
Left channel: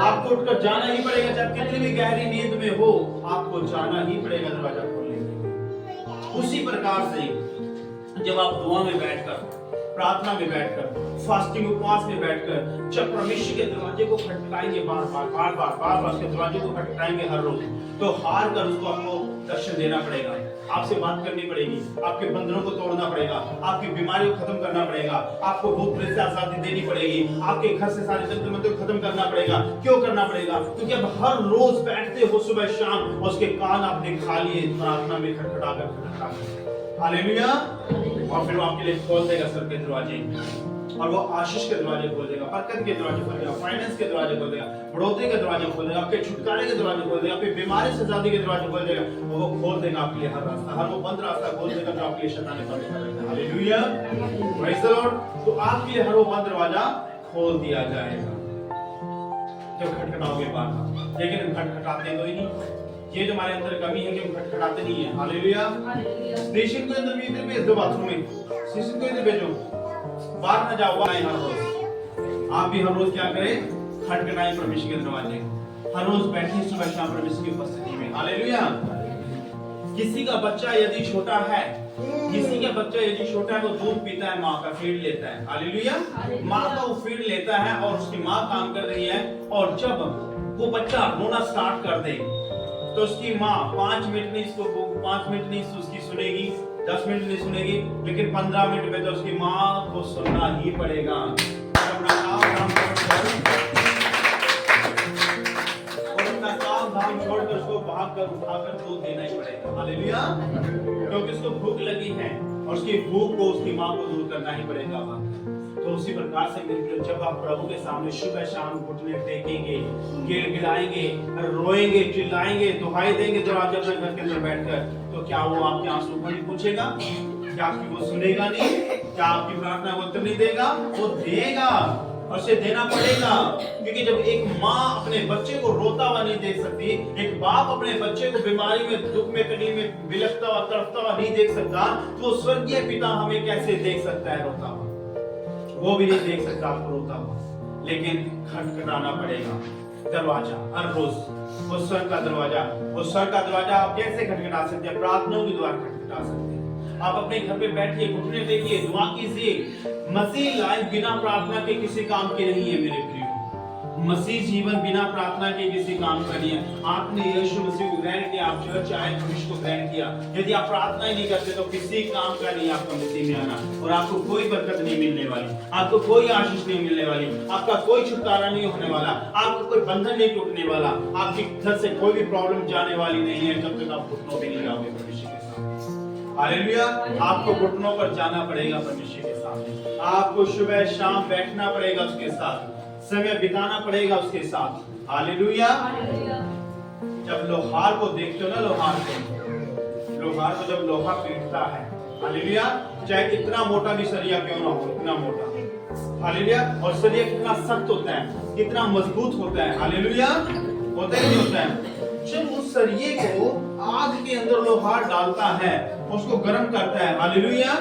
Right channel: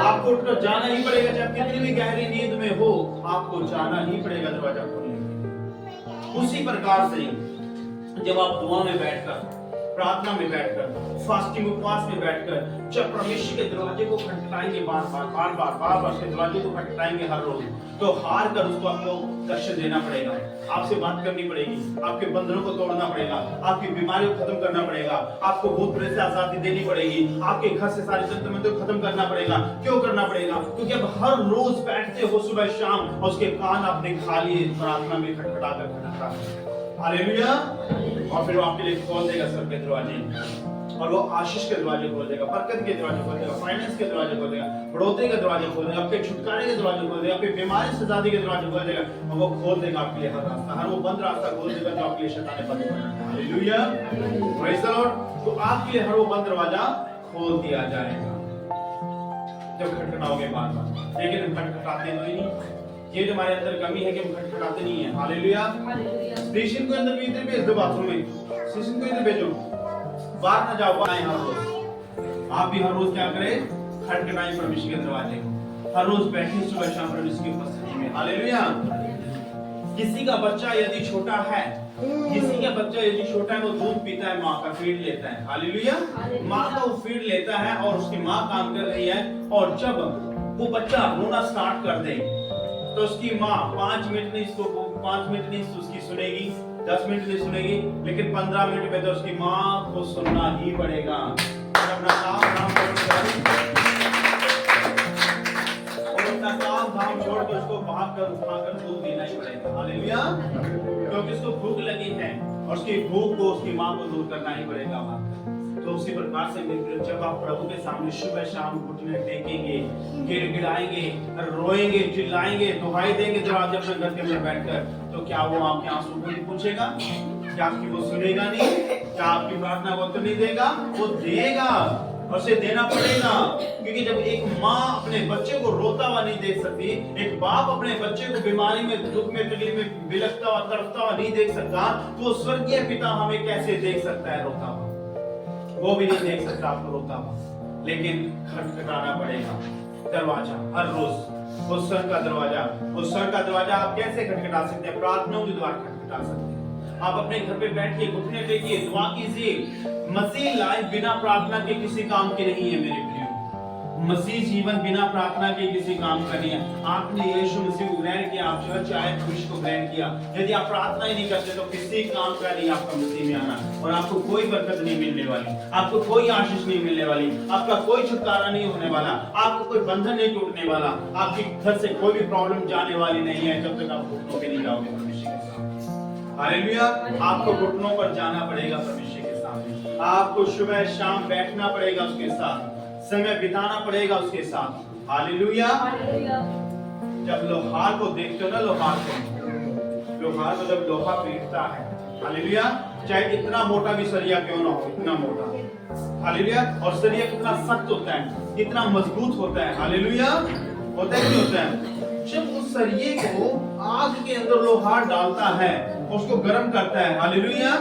आपको उठकर जाना ही पड़ेगा, चाहे कितनी भी गहरी नींद में हो, आपको जाना ही पड़ेगा दरवाजा खोलने। उसी प्रकार से जब आप दुआ में बैठकर, प्रार्थना में बैठकर, फास्टिंग उपवास में बैठकर, जब परमेश्वर के दरवाजे को खटखटाएंगे बार बार उसके दरवाजे को खटखटाएंगे हर रोज, तो हार कर उसको आपको दर्शन देना पड़ेगा, आपसे बात करनी पड़ेगी, आपके बंधनों को तोड़ना पड़ेगा, आपकी बीमारियों को खत्म करना पड़ेगा, आपको भूत प्रेत से आजादी देनी पड़ेगी, आपके घर से सारे तंत्र मंत्र को खत्म करना पड़ेगा। क्यों करना पड़ेगा? क्योंकि अब हर रोज बैठते हो सुबह शाम, और उसके कान आपने खा लिए प्रार्थना में खटखटा कर, हालेलुया। और फिर वो आपके लिए खोल देगा सर के दरवाजे, और वो आशीष के दरवाजे खोल देगा, बरकत के दरवाजे खोल देगा, फाइनेंस के दरवाजे खोल देगा, बढ़ोतरी के दरवाजे खोल देगा, आपके छुटकारे के दरवाजे खोल देगा, आपकी बीमारी से आजादी के दरवाजे खोल देगा, और वो खोल देगा आपके लिए हर रास्ता, हर वो बंद रास्ता खोल देगा जो आपके लिए शैतान ने बंद कर रखा है, हालेलुया, प्रेज द लॉर्ड। तो आपके लिए हर वो बंद दरवाजा खोल दिया जाएगा जब खटखटाओगे बार-बार। लेकिन हम खटखटाते तो ही नहीं, ये जो हमारे अंदर कमी है कि हम खटखटाते नहीं है, हालेलुया। स्टेशन के अंदर भी इधर भेज दो, बाथरूम में स्टेशन को इधर भेजो, बाहर ना जाओ, बाहर हर रोज आप भी हर रोज क्या करें? खटखटाएं परमेश्वर के दरवाजे, हर रोज बैठे सुबह शाम परमेश्वर की उपस्थिति में, हालेलुया। किसी का बच्चा यदि छोटा है, वो दूध पीता है, माँ का फीड लेता है, हालेलुया। माँ का वो फीड लेता है और उसकी माँ काम कर रही है, और जब वो बच्चा रोना स्टार्ट कर दे तो उसकी माँ 5 मिनट नहीं उसकी सुनेगी, 10 मिनट नहीं सुनेगी, लेकिन 15 मिनट में तो उसकी माँ को सुनना ही पड़ेगा। अपना काम धाम छोड़ कर उसको भागकर दूध देना ही पड़ेगा। हालेलुया। क्योंकि उसको भूख लगी है और उसकी भूख को उसकी माँ को दूर करना ही पड़ेगा। तो उसी प्रकार से जब आप प्रभु के सामने सुबह शाम घुटने टेकेंगे, गिड़गिड़ाएंगे, रोएंगे, चिल्लाएंगे, दुहाई देंगे जब आप अपने घर के अंदर बैठकर, तो क्या वो आपके आंसू को नहीं पूछेगा? क्या आपकी वो सुनेगा नहीं? क्या आपकी प्रार्थना को उत्तर नहीं देगा? वो देगा और उसे देना पड़ेगा। क्योंकि जब एक माँ अपने बच्चे को रोता हुआ नहीं देख सकती, एक बाप अपने बच्चे को बीमारी में, दुख में, तकलीफ में बिलखता हुआ, तड़पता हुआ नहीं देख सकता, तो स्वर्गीय पिता हमें कैसे देख सकता है रोता हुआ? वो भी नहीं देख सकता आपको रोता हुआ। लेकिन खटखटाना पड़ेगा दरवाजा हर रोज। उस स्वर का दरवाजा आप कैसे खटखटा सकते हैं? प्रार्थनाओं के द्वारा खटखटा सकते हैं। आप अपने घर पे बैठिए, घुटने टेकिए, दुआ कीजिए। मसीह लाइफ बिना प्रार्थना के किसी काम के नहीं है मेरे प्रियो। मसीह जीवन बिना प्रार्थना के किसी काम का नहीं है। आपने यीशु मसीह को ग्रहण किया, आप चर्च आए, भविष्य को ग्रहण किया, यदि आप प्रार्थना ही नहीं करते तो किसी काम का नहीं आपका मसीह में आना, और आपको कोई बरकत नहीं मिलने वाली, आपको कोई आशीष नहीं मिलने वाली, आपका कोई छुटकारा नहीं होने वाला, आपको कोई बंधन नहीं टूटने वाला, आपके घर से कोई भी प्रॉब्लम जाने वाली नहीं है जब तक आप घुटनों पे नहीं जाओगे परमेश्वर के सामने। हालेलुया। आपको घुटनों पर जाना पड़ेगा परमेश्वर के सामने, आपको सुबह शाम बैठना पड़ेगा उसके साथ, समय बिताना पड़ेगा उसके साथ। हालेलुया। जब लोहार को देखते हो ना, लोहार को जब लोहा पीटता है, हालेलुया, चाहे कितना मोटा भी सरिया क्यों ना हो, इतना मोटा, हालेलुया, और सरिया कितना सख्त होता है, कितना मजबूत होता है, हालेलुया, होता है नहीं होता है? जब उस सरिये को आग के अंदर लोहार डालता है, उसको गर्म करता है, हालेलुया,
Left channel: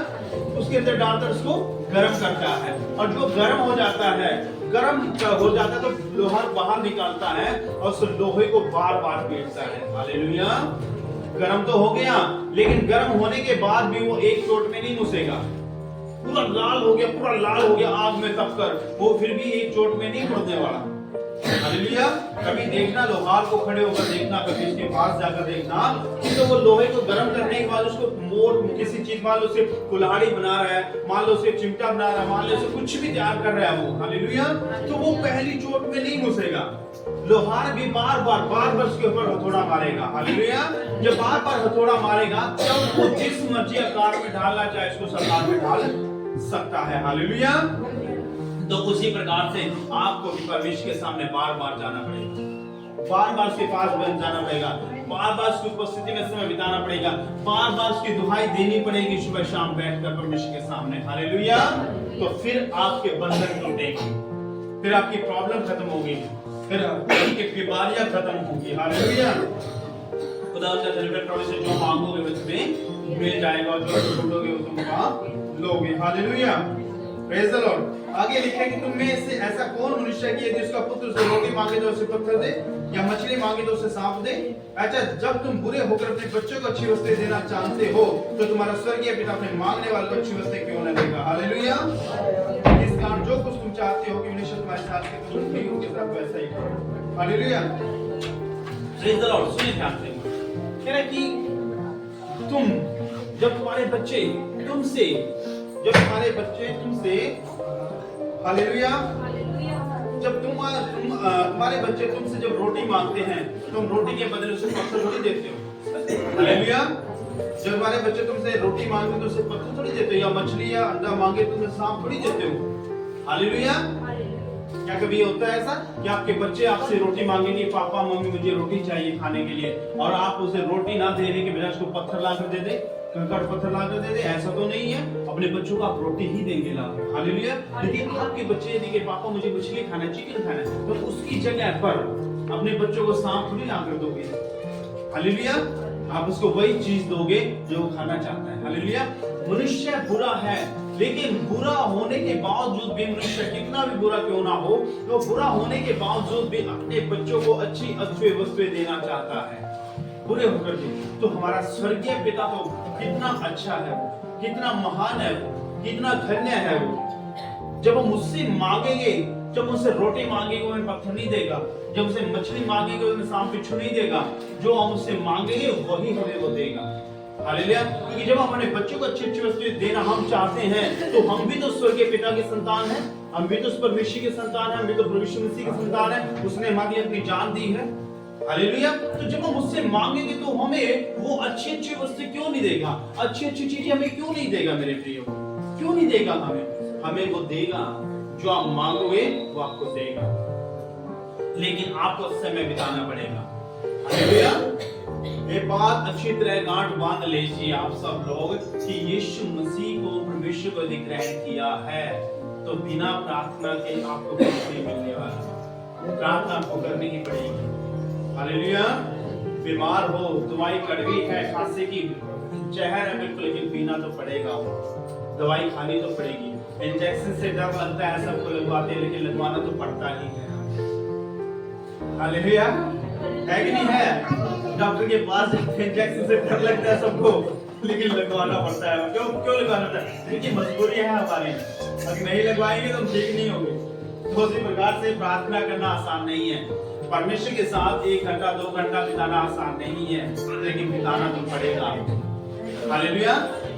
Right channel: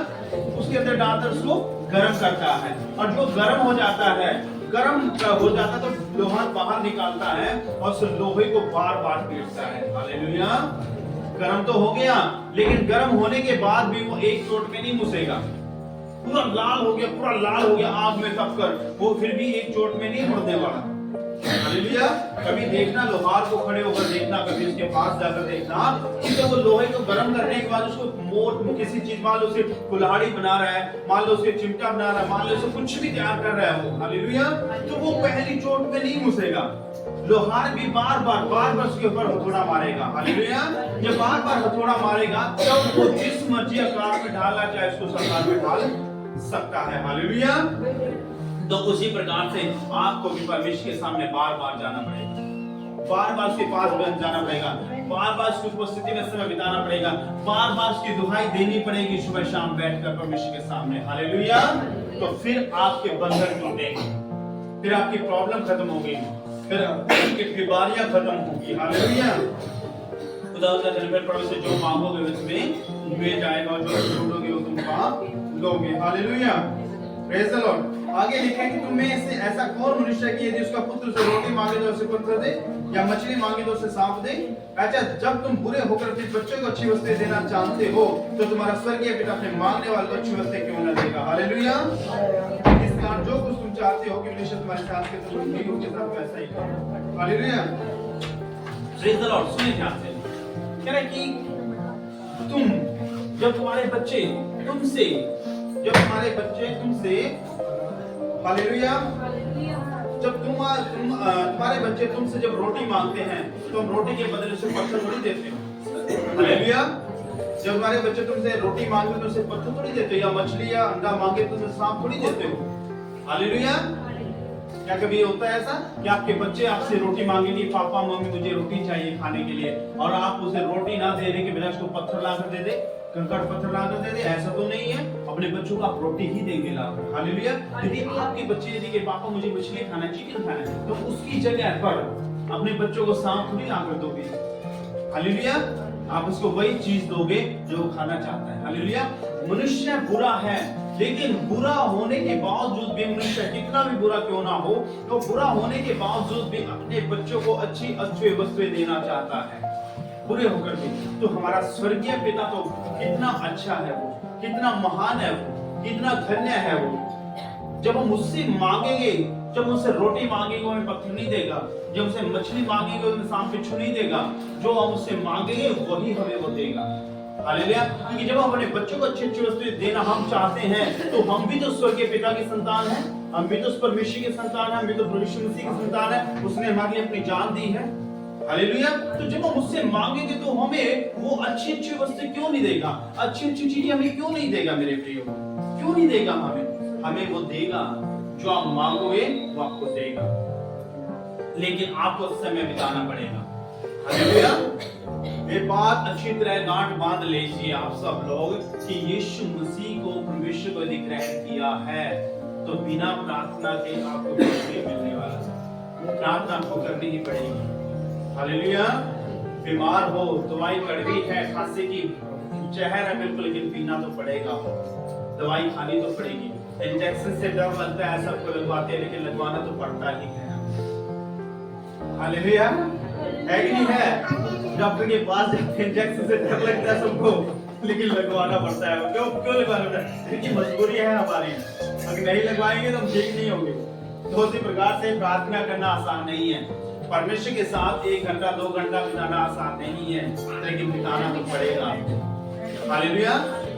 उसके अंदर डालकर उसको गर्म करता है, और जो गर्म हो जाता है तो लोहा बाहर निकालता है और उस लोहे को बार बार पीटता है। हालेलुया। गर्म तो हो गया, लेकिन गर्म होने के बाद भी वो एक चोट में नहीं मुसेगा। पूरा लाल हो गया आग में तपकर, वो फिर भी एक चोट में नहीं मुड़ने वाला। हालेलुया। कभी देखना, लोहार को खड़े होकर देखना, कभी उसके पास जाकर देखना, तो वो लोहे को गर्म करने के बाद उसको किसी चीज, मान लो उसे कुल्हाड़ी बना रहा है, मान लो उसे चिमटा बना रहा है, मान लो उसे कुछ भी तैयार कर रहा है वो, हालेलुया, तो वो पहली चोट में नहीं घुसेगा। लोहार भी बार बार उसके ऊपर हथौड़ा मारेगा। हालेलुया। जब बार बार हथौड़ा मारेगा तब वो जिस मर्जी आकार में ढालना चाहे उसको आकार में ढाल सकता है। हालेलुया। तो उसी प्रकार से आपको भी परमेश्वर के सामने बार बार जाना पड़ेगा, बार बार उसके पास जाना पड़ेगा, बार बार उसकी उपस्थिति में समय बिताना पड़ेगा, बार बार उसकी दुहाई देनी पड़ेगी सुबह शाम बैठकर परमेश्वर के सामने। हालेलुया। तो फिर आपके बंधन टूटेंगे, फिर आपकी प्रॉब्लम खत्म होगी, फिर आपकी बीमारियां खत्म होगी। हालेलुया। खुदा का धन्यवाद। प्रभु से जो मांगोगे उसमें मिल जाएगा, और जो छोड़ोगे वो तुम पा लोगे। हालेलुया। Praise the Lord. आगे लिखे कि तुम में से ऐसा कौन मनुष्य है कि यदि उसका पुत्र उसे रोटी मांगे तो उसे पत्थर दे, या मछली मांगे तो उसे सांप दे? अच्छा, जब तुम बुरे होकर अपने बच्चों को अच्छी वस्तुएं देना चाहते हो, तो तुम्हारा स्वर्गीय पिता अपने मांगने वाले को अच्छी वस्तुएं क्यों न देगा? हालेलुया। इस कारण जो कुछ तुम चाहते हो कि मनुष्य तुम्हारे साथ के, तुम भी उनके साथ वैसा ही करो। हालेलुया। Praise the Lord. सुनिए ध्यान से, कह रहा है कि जब तुम्हारे बच्चे तुमसे हालेलुया, जब तुम्हारे बच्चे तुमसे जब रोटी मांगते हैं, तुम रोटी के बदले उसे पत्थर थोड़ी देते हो। हालेलुया। जब तुम्हारे बच्चे तुमसे रोटी मांगते तो उसे पत्थर थोड़ी देते हो, या मछली या अंडा मांगे तो उसे सांप थोड़ी देते हो। हालेलुया। क्या कभी होता है ऐसा कि आपके बच्चे आपसे रोटी मांगेंगे, पापा मम्मी मुझे रोटी चाहिए खाने के लिए, और आप उसे रोटी ना देने के बजाय उसको पत्थर ला कर दे दे, कंकड़ पत्थर ला कर दे दे? ऐसा तो नहीं है। अपने बच्चों को आप रोटी ही देंगे ला कर। हालेलुया। यदि आपके बच्चे यदि के पापा मुझे मछली खाना है, चिकन खाना है, तो उसकी जगह पर अपने बच्चों को सांप थोड़ी ला कर दोगे। हालेलुया। आप उसको वही चीज दोगे जो वो खाना चाहता है। हालेलुया। मनुष्य बुरा है, लेकिन बुरा होने के बावजूद भी, मनुष्य कितना भी बुरा क्यों ना हो, तो बुरा होने के बावजूद भी अपने बच्चों को अच्छी वस्तुएं देना चाहता है, बुरे होकर भी। तो हमारा स्वर्गीय पिता तो कितना अच्छा है, वो कितना महान है, वो कितना धन्य है वो। जब हम उससे मांगेंगे जब मुझसे रोटी मांगेंगे वो हमें पत्थर नहीं देगा, जब मुझसे मछली मांगेंगे वो हमें सांप बिच्छू नहीं देगा, जो हम उससे मांगेंगे वही हमें वो देगा। हालेलुया। क्योंकि जब हम अपने बच्चों को अच्छी अच्छी वस्तुएं देना हम चाहते हैं, तो हम भी तो स्वर्गीय पिता के संतान हैं, हम भी तो उस परमेश्वर के संतान हैं, हम भी तो प्रभु यीशु मसीह के संतान हैं, उसने हमारे लिए अपनी जान दी है। हालेलुया। तो जब हम उससे मांगेंगे तो हमें वो अच्छी अच्छी वस्तु क्यों नहीं देगा, अच्छी अच्छी चीजें हमें क्यों नहीं देगा मेरे प्रियो, क्यों नहीं देगा हमें वो देगा, जो आप मांगोगे वो आपको देगा, लेकिन आपको समय बिताना पड़ेगा। हालेलुया। ये बात अच्छी तरह गांठ बांध लीजिए आप सब लोग कि यीशु मसीह को परमेश्वर को यदि ग्रहण किया है तो बिना प्रार्थना के आपको कुछ नहीं मिलने वाला, प्रार्थना आपको करनी ही पड़ेगी। हालेलुया। बीमार हो, दवाई कड़वी है, खांसी की जहर है बिल्कुल, लेकिन पीना तो पड़ेगा, दवाई खानी तो पड़ेगी। इंजेक्शन से डर लगता है, सबको लगवाते हैं, लेकिन लगवाना तो पड़ता ही है। हालेलुया। है कि नहीं है? डॉक्टर के पास इंजेक्शन से डर लगता है सबको, लेकिन लगवाना पड़ता है। क्यों लगवाना पड़ता है? क्योंकि मजबूरी है हमारी, अगर नहीं लगवाएंगे तो हम ठीक नहीं होंगे। तो उसी प्रकार से प्रार्थना करना आसान नहीं है, परमेश्वर के साथ 1 घंटा 2 घंटा बिताना आसान नहीं है, लेकिन बिताना तो पड़ेगा। हालेलुया।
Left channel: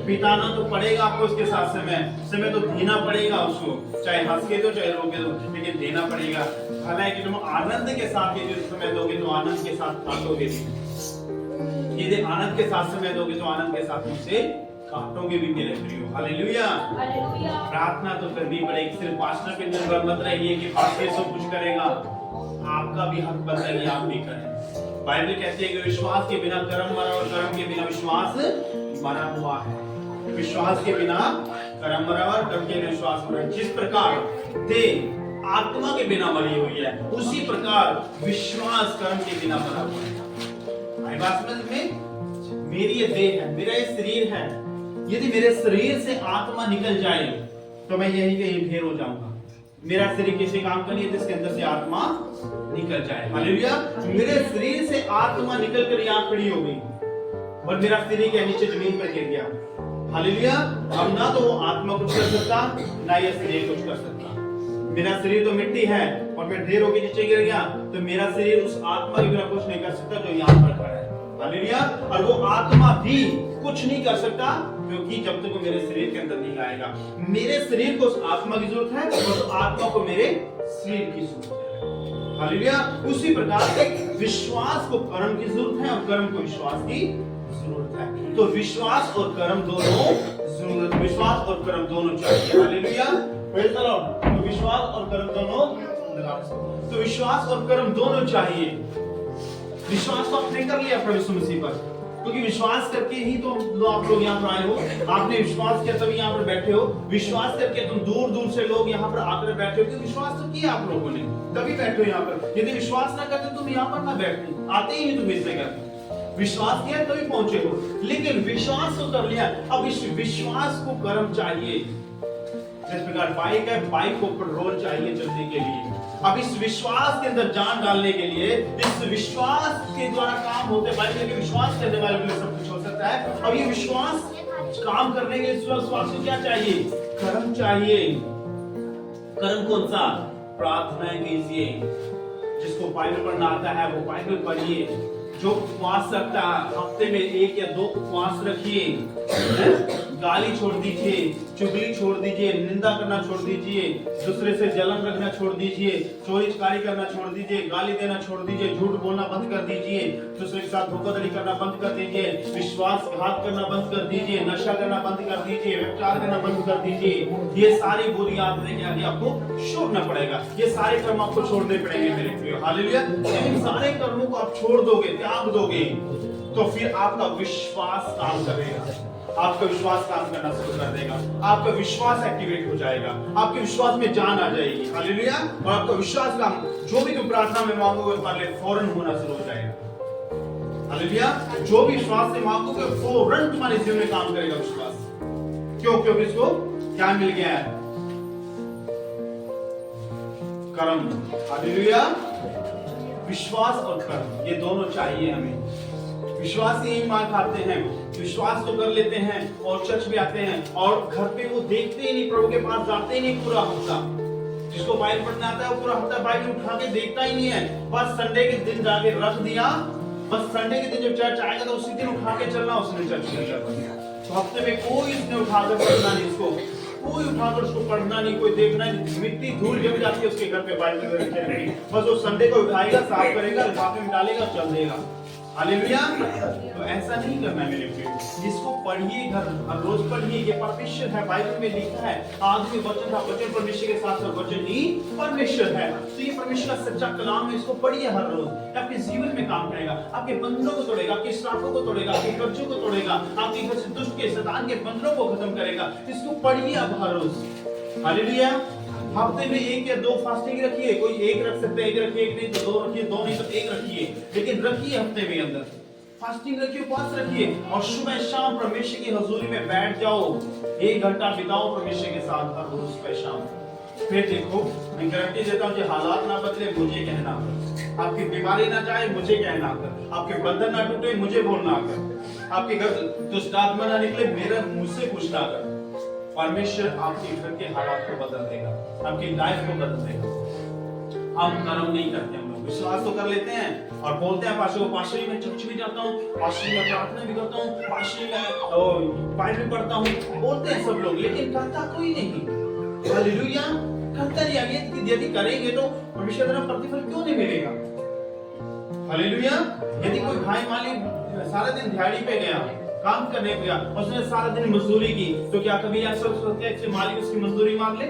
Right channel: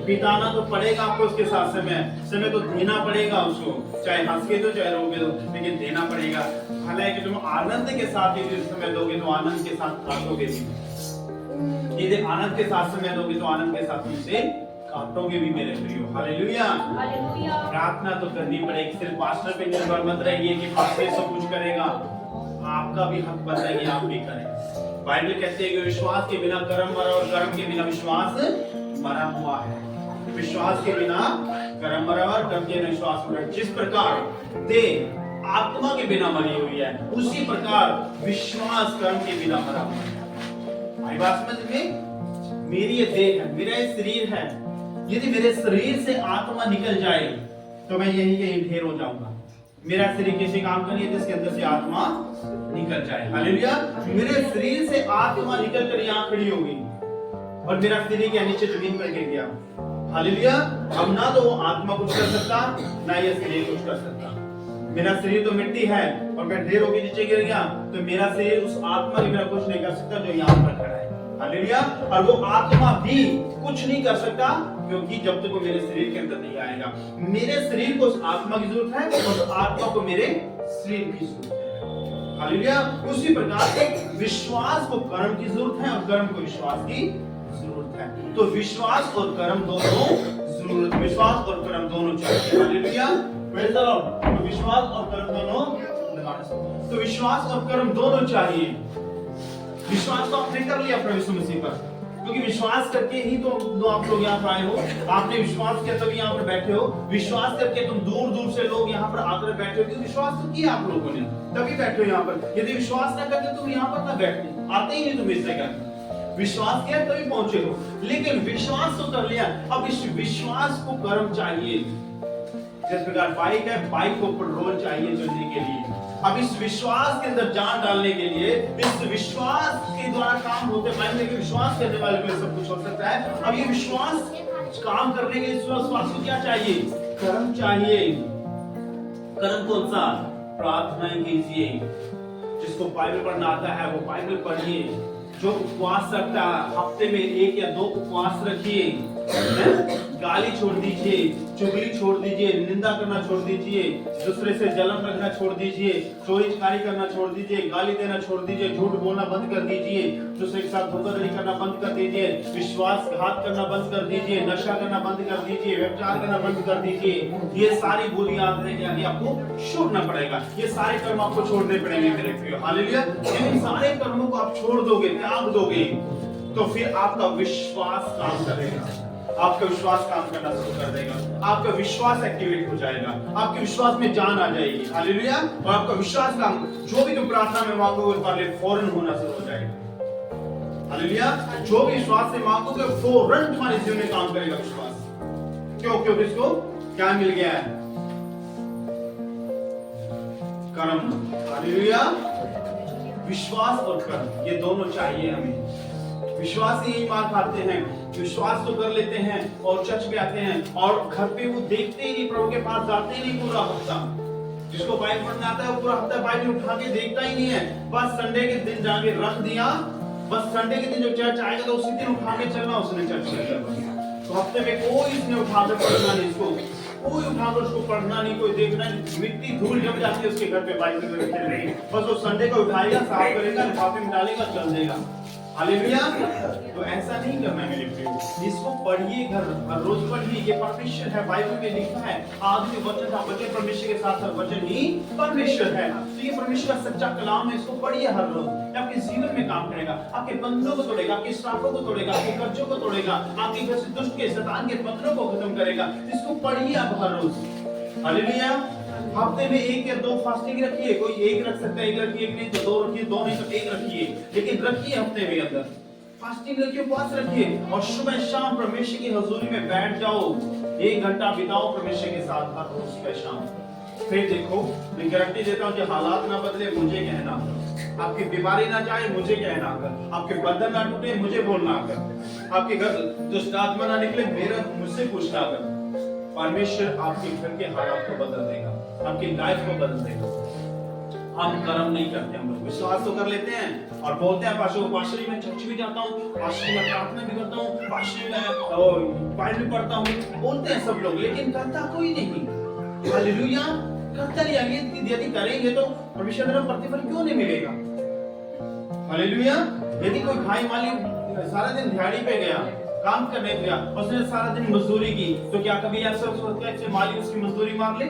बिताना तो पड़ेगा आपको उसके साथ समय तो देना पड़ेगा उसको, चाहे हंस के दो चाहे रो के दो, लेकिन देना पड़ेगा। हालांकि तुम आनंद के साथ यदि समय दोगे तो आनंद के साथ काटोगे भी, यदि आनंद के साथ समय दोगे तो आनंद के साथ तुमसे काटोगे भी मेरे प्रियो। हालेलुया। प्रार्थना तो करनी पड़ेगी, सिर्फ पास्टर पे निर्भर मत रहिए कि पास्टर सब कुछ करेगा, आपका भी हक बनता है कि आप भी करें। बाइबल कहती है कि विश्वास के बिना कर्म मरा और कर्म के बिना विश्वास मरा हुआ है। विश्वास के बिना कर्म मरा और कर्म के बिना विश्वास मरा। जिस प्रकार देह आत्मा के बिना मरी हुई है, उसी प्रकार विश्वास कर्म के बिना मरा हुआ है। आई बात समझ में? मेरी ये देह है, मेरा ये शरीर है, यदि मेरे शरीर से आत्मा निकल जाए तो मैं यही कहीं ढेर हो जाऊंगा। मेरा शरीर किसी काम का नहीं है जिसके अंदर से आत्मा निकल जाए। हालेलुया। मेरे शरीर से आत्मा निकल कर यहाँ खड़ी हो गई और मेरा शरीर क्या नीचे जमीन पर गिर गया। हालेलुया। अब ना तो आत्मा कुछ कर सकता, ना ये शरीर कुछ कर सकता। मेरा शरीर तो मिट्टी है और मैं ढेर होकर नीचे गिर गया, तो मेरा शरीर उस आत्मा के बिना कुछ नहीं कर सकता जो यहाँ पर खड़ा है। हालेलुया। और वो आत्मा भी कुछ नहीं कर सकता, क्योंकि जब तक वो मेरे शरीर के अंदर नहीं आएगा। मेरे शरीर को उस आत्मा की जरूरत है और उस आत्मा को मेरे शरीर की जरूरत है। हालेलुया। उसी प्रकार से विश्वास को कर्म की जरूरत है और कर्म को विश्वास की जरूरत है। तो विश्वास और कर्म दोनों जरूरत, विश्वास और कर्म दोनों चाहिए। हालेलुया। Praise the Lord. तो विश्वास और कर्म दोनों, तो विश्वास और कर्म दोनों चाहिए। विश्वास तो आपने कर लिया प्रभु यीशु मसीह पर, क्योंकि विश्वास करके ही तो आप लोग यहाँ पर आए हो। आपने विश्वास किया तभी यहाँ पर बैठे हो। विश्वास करके तुम दूर दूर से लोग यहाँ पर आकर बैठे हो, क्योंकि विश्वास तो किया आप लोगों ने, तभी बैठे हो यहाँ पर। यदि विश्वास ना करते तुम यहाँ पर ना बैठते, आते ही नहीं तुम इस जगह। विश्वास किया तभी पहुंचे हो, लेकिन विश्वास तो कर लिया। अब इस विश्वास को कर्म चाहिए। जिस प्रकार बाइक है, बाइक को पेट्रोल चाहिए चलने के लिए। अब इस विश्वास के अंदर जान डालने के लिए, इस विश्वास के द्वारा काम होते हैं। विश्वास करने वाले को सब कुछ हो सकता है। अब ये विश्वास काम करने के विश्वास को क्या चाहिए? कर्म चाहिए। कर्म कौन सा? प्रार्थनाएं कीजिए। जिसको बाइबल पढ़ना आता है वो बाइबल पढ़िए। जो उपवास रखता है हफ्ते में 1 या 2 उपवास रखिए। गाली छोड़ दीजिए, चुगली छोड़ दीजिए, निंदा करना छोड़ दीजिए, दूसरे से जलन रखना छोड़ दीजिए, चोरी चकारी करना छोड़ दीजिए, गाली देना छोड़ दीजिए, झूठ बोलना बंद कर दीजिए, दूसरे के साथ धोखाधड़ी करना बंद कर दीजिए, विश्वासघात करना बंद कर दीजिए, नशा करना बंद कर दीजिए, व्यभिचार करना बंद कर दीजिए। ये सारी बुरी आदतें क्या है आपको छोड़ना पड़ेगा। ये सारे कर्म आपको छोड़ने पड़ेंगे मेरे प्रिय। हालेलुया। इन सारे कर्मों को आप छोड़ दोगे, त्याग दोगे, तो फिर आपका विश्वास काम करेगा। आपका विश्वास काम करना शुरू कर देगा। आपका विश्वास एक्टिवेट हो जाएगा, आपके विश्वास में जान आ जाएगी। हालेलुया। और आपका विश्वास काम, जो भी तुम प्रार्थना में मांगोगे तुम्हारे लिए फौरन होना शुरू हो जाएगा। हालेलुया। जो भी विश्वास से मांगोगे फौरन तुम्हारे जीवन में काम करेगा विश्वास। क्यों? क्योंकि इसको क्या मिल गया है? कर्म। हालेलुया। विश्वास और कर्म ये दोनों चाहिए हमें। विश्वास से ही मार खाते हैं, विश्वास तो कर लेते हैं और चर्च भी आते हैं और घर पे वो देखते ही नहीं, प्रभु के पास जाते ही नहीं पूरा हफ्ता। जिसको बाइबल पढ़ना आता है वो पूरा हफ्ता बाइबल उठा के देखता ही नहीं है, बस संडे के दिन जाके रख दिया, बस संडे के दिन जब चर्च आएगा तो उसी दिन उठा के चलना उसने चर्च में चलना। तो हफ्ते में कोई उसने उठाकर पढ़ना नहीं, इसको कोई उठाकर उसको पढ़ना नहीं, कोई देखना नहीं, मिट्टी धूल जम जाती है उसके घर पे बाइबल रखते नहीं, बस वो संडे को उठाएगा, साफ करेगा, लिफाफे में डालेगा, चल देगा। हालेलुया। तो ऐसा नहीं करना है मेरे प्रियो, इसको पढ़िए, हर रोज पढ़िए, ये परमेश्वर है, बाइबल में लिखा है, आदि में वचन था, वचन परमेश्वर के साथ साथ वचन ही परमेश्वर है। तो ये परमेश्वर का सच्चा कलाम है, इसको पढ़िए हर रोज, आपके जीवन में काम करेगा, आपके बंधनों को तोड़ेगा, आपके श्रापों को तोड़ेगा, आपके कर्जों को तोड़ेगा, आपके घर से दुष्ट के शैतान के बंधनों को खत्म करेगा। इसको पढ़िए आप हर रोज। हालेलुया। हफ्ते में 1 या 2 फास्टिंग रखिए, कोई 1 रख सकता है, 1 रखिए, 1 नहीं तो 2 रखिए, 2 नहीं तो 1 रखिए, लेकिन रखिए हफ्ते में अंदर फास्टिंग रखिए, उपवास रखिए, और सुबह शाम परमेश्वर की हजूरी में बैठ जाओ, 1 घंटा बिताओ परमेश्वर के साथ हर रोज सुबह शाम। फिर देखो, मैं गारंटी देता हूँ, जो हालात ना बदले मुझे कहना कर, आपकी बीमारी ना जाए मुझे कहना कर, आपके बंधन ना टूटे मुझे बोलना कर, आपके घर दुष्ट आत्मा ना निकले मेरा मुझसे पूछना कर। परमेश्वर आपके घर के हालात को बदल देगा, आपकी लाइफ को बदल देगा। हम कर्म नहीं करते, हम लोग विश्वास तो कर लेते हैं और बोलते हैं पास्टर मैं चर्च भी जाता हूँ, पास्टर मैं प्रार्थना भी करता हूँ, पास्टर मैं बाइबल पढ़ता हूँ, बोलते हैं सब लोग, लेकिन करता कोई नहीं। हालेलुया। करता नहीं, यदि करेंगे तो परमेश्वर का प्रतिफल क्यों नहीं मिलेगा? हालेलुया। यदि कोई भाई मालिक सारा दिन दिहाड़ी पे गया, काम करने गया, उसने सारा दिन मजदूरी की, तो क्या कभी ऐसा सोचता है कि मालिक उसकी मजदूरी मांग ले?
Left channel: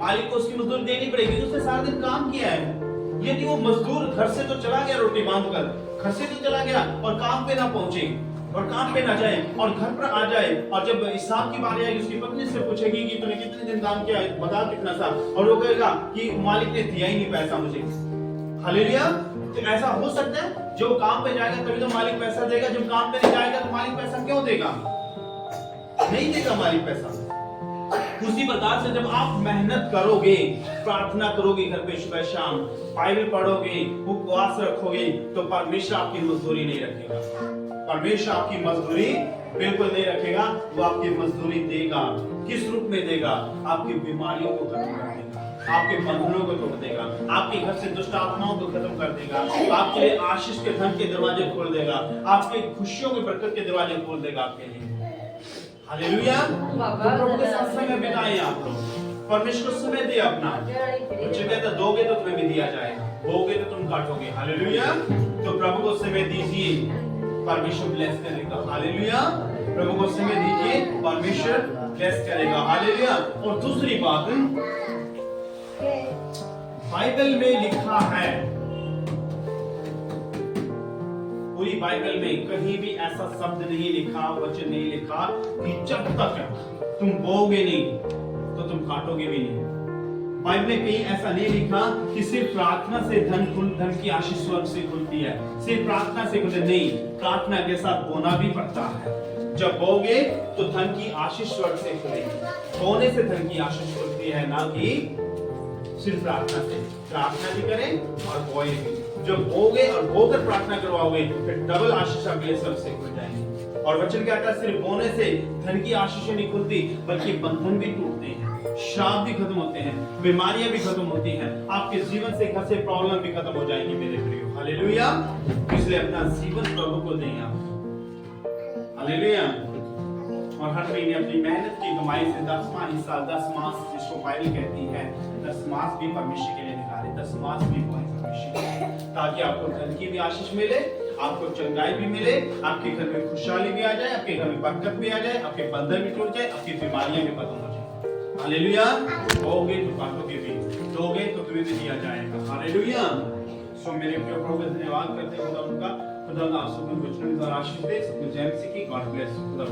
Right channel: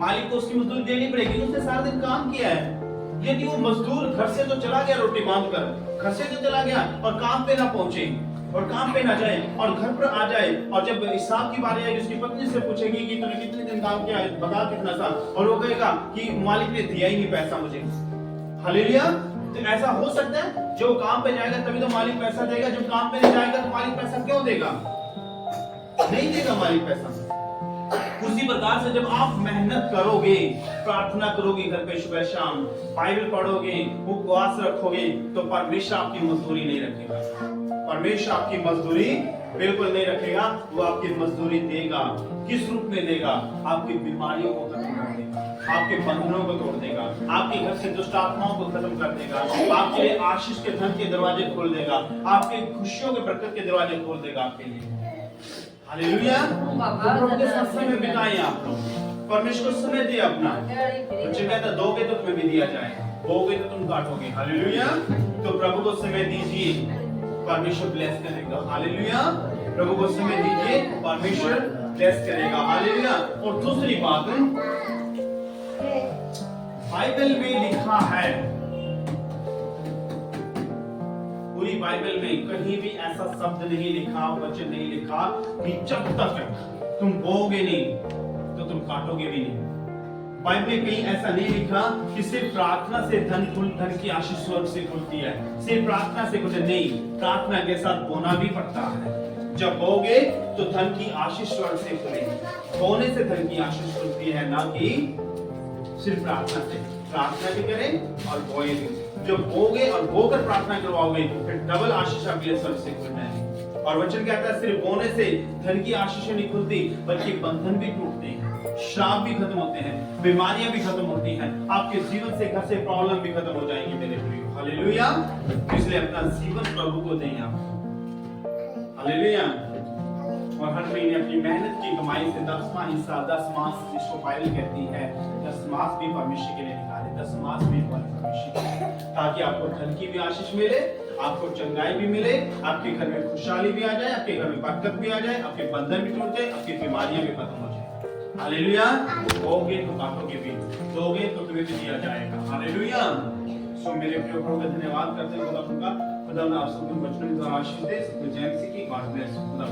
मालिक को उसकी मजदूरी देनी पड़ेगी, उसने सारा दिन काम किया है। यदि वो मजदूर घर से तो चला गया रोटी बांधकर, घर से तो चला गया और काम पे ना पहुंचे और काम पे ना जाए और घर पर आ जाए, और जब हिसाब की बारी आएगी उसकी पत्नी से पूछेगी कि तूने कितने दिन काम किया है, बता कितना था, और वो कहेगा कि मालिक ने दिया ही नहीं पैसा मुझे। हालेलुया। तो ऐसा हो सकता है, जो काम पे जाएगा तभी तो मालिक पैसा देगा, जब काम पे नहीं जाएगा तो मालिक पैसा क्यों देगा? नहीं देगा मालिक पैसा। उसी प्रकार से जब आप मेहनत करोगे, प्रार्थना करोगे, घर पे सुबह शाम बाइबल पढ़ोगे, उपवास रखोगे, तो परमेश्वर आपकी मजदूरी नहीं रखेगा। परमेश्वर आपकी मजदूरी बिल्कुल नहीं रखेगा, वो आपकी मजदूरी देगा। किस रूप में देगा? आपकी बीमारियों को खत्म कर देगा, आपके बंधनों को तोड़ देगा, आपके घर से दुष्ट आत्माओं को खत्म कर देगा, आपके लिए आशीष के धन के दरवाजे खोल देगा, आपके खुशियों के बरकत के दरवाजे खोल देगा आपके लिए। हालेलुया। तो प्रभु के साथ समय बिताइए आप लोग, परमेश्वर को समय दिए अपना। बच्चे कहते हैं दोगे तो तुम्हें भी दिया जाएगा, बोगे तो तुम काटोगे। हालेलुया। तो प्रभु को समय दीजिए, परमेश्वर ब्लेस करेगा। हालेलुया। प्रभु को समय दीजिए, परमेश्वर ब्लेस करेगा। हालेलुया। और दूसरी बात, बाइबल में लिखा है, पूरी बाइबल में कहीं भी ऐसा शब्द नहीं लिखा, वचन नहीं लिखा कि जब तक तुम बोओगे नहीं तो तुम काटोगे भी नहीं। बाइबल में कहीं ऐसा नहीं लिखा कि सिर्फ प्रार्थना से धन की आशीष स्वर्ग से खुलती है, सिर्फ प्रार्थना से खुलती नहीं, प्रार्थना के साथ बोना भी पड़ता है। जब बोगे तो धन की आशीष स्वर्ग से खुलेगी, बोने से धन की आशीष खुलती है, ना कि सिर्फ प्रार्थना से। प्रार्थना भी करें और बोए भी। जब बोगे और बोकर प्रार्थना करवाओगे फिर डबल आशीष आपके लिए स्वर्ग से खुल जाएगी। और वचन कहता है सिर्फ बोने से धन की आशीष नहीं खुलती, बल्कि बंधन भी टूटते हैं, श्राप भी खत्म होते हैं, बीमारियां भी खत्म होती हैं, आपके जीवन से घर से प्रॉब्लम भी खत्म हो जाएगी मेरे प्रियो। हालेलुया। इसलिए अपना जीवन प्रभु को दें आप। हालेलुया। और हर महीने अपनी मेहनत की कमाई से 10वां हिस्सा, 10 मास जिसको बाइबल कहती है, 10 मास भी परमेश्वर के लिए निकाले, 10 मास भी परमेश्वर के लिए, ताकि आपको धन की भी आशीष मिले, आपको चंगाई भी मिले, आपके घर में खुशहाली भी आ जाए, आपके घर में बरकत भी आ जाए, आपके बंधन भी टूट जाए, आपकी बीमारियां भी खत्म हो जाए। हालेलुया। बोगे तो काटोगे भी, दोगे तो तुम्हें भी दिया जाएगा। हालेलुया। सो मेरे प्रिय प्रभु का धन्यवाद करते हैं, खुदा आप सबको वचन का आशीष दे, जय मसीह की। God bless. खुदा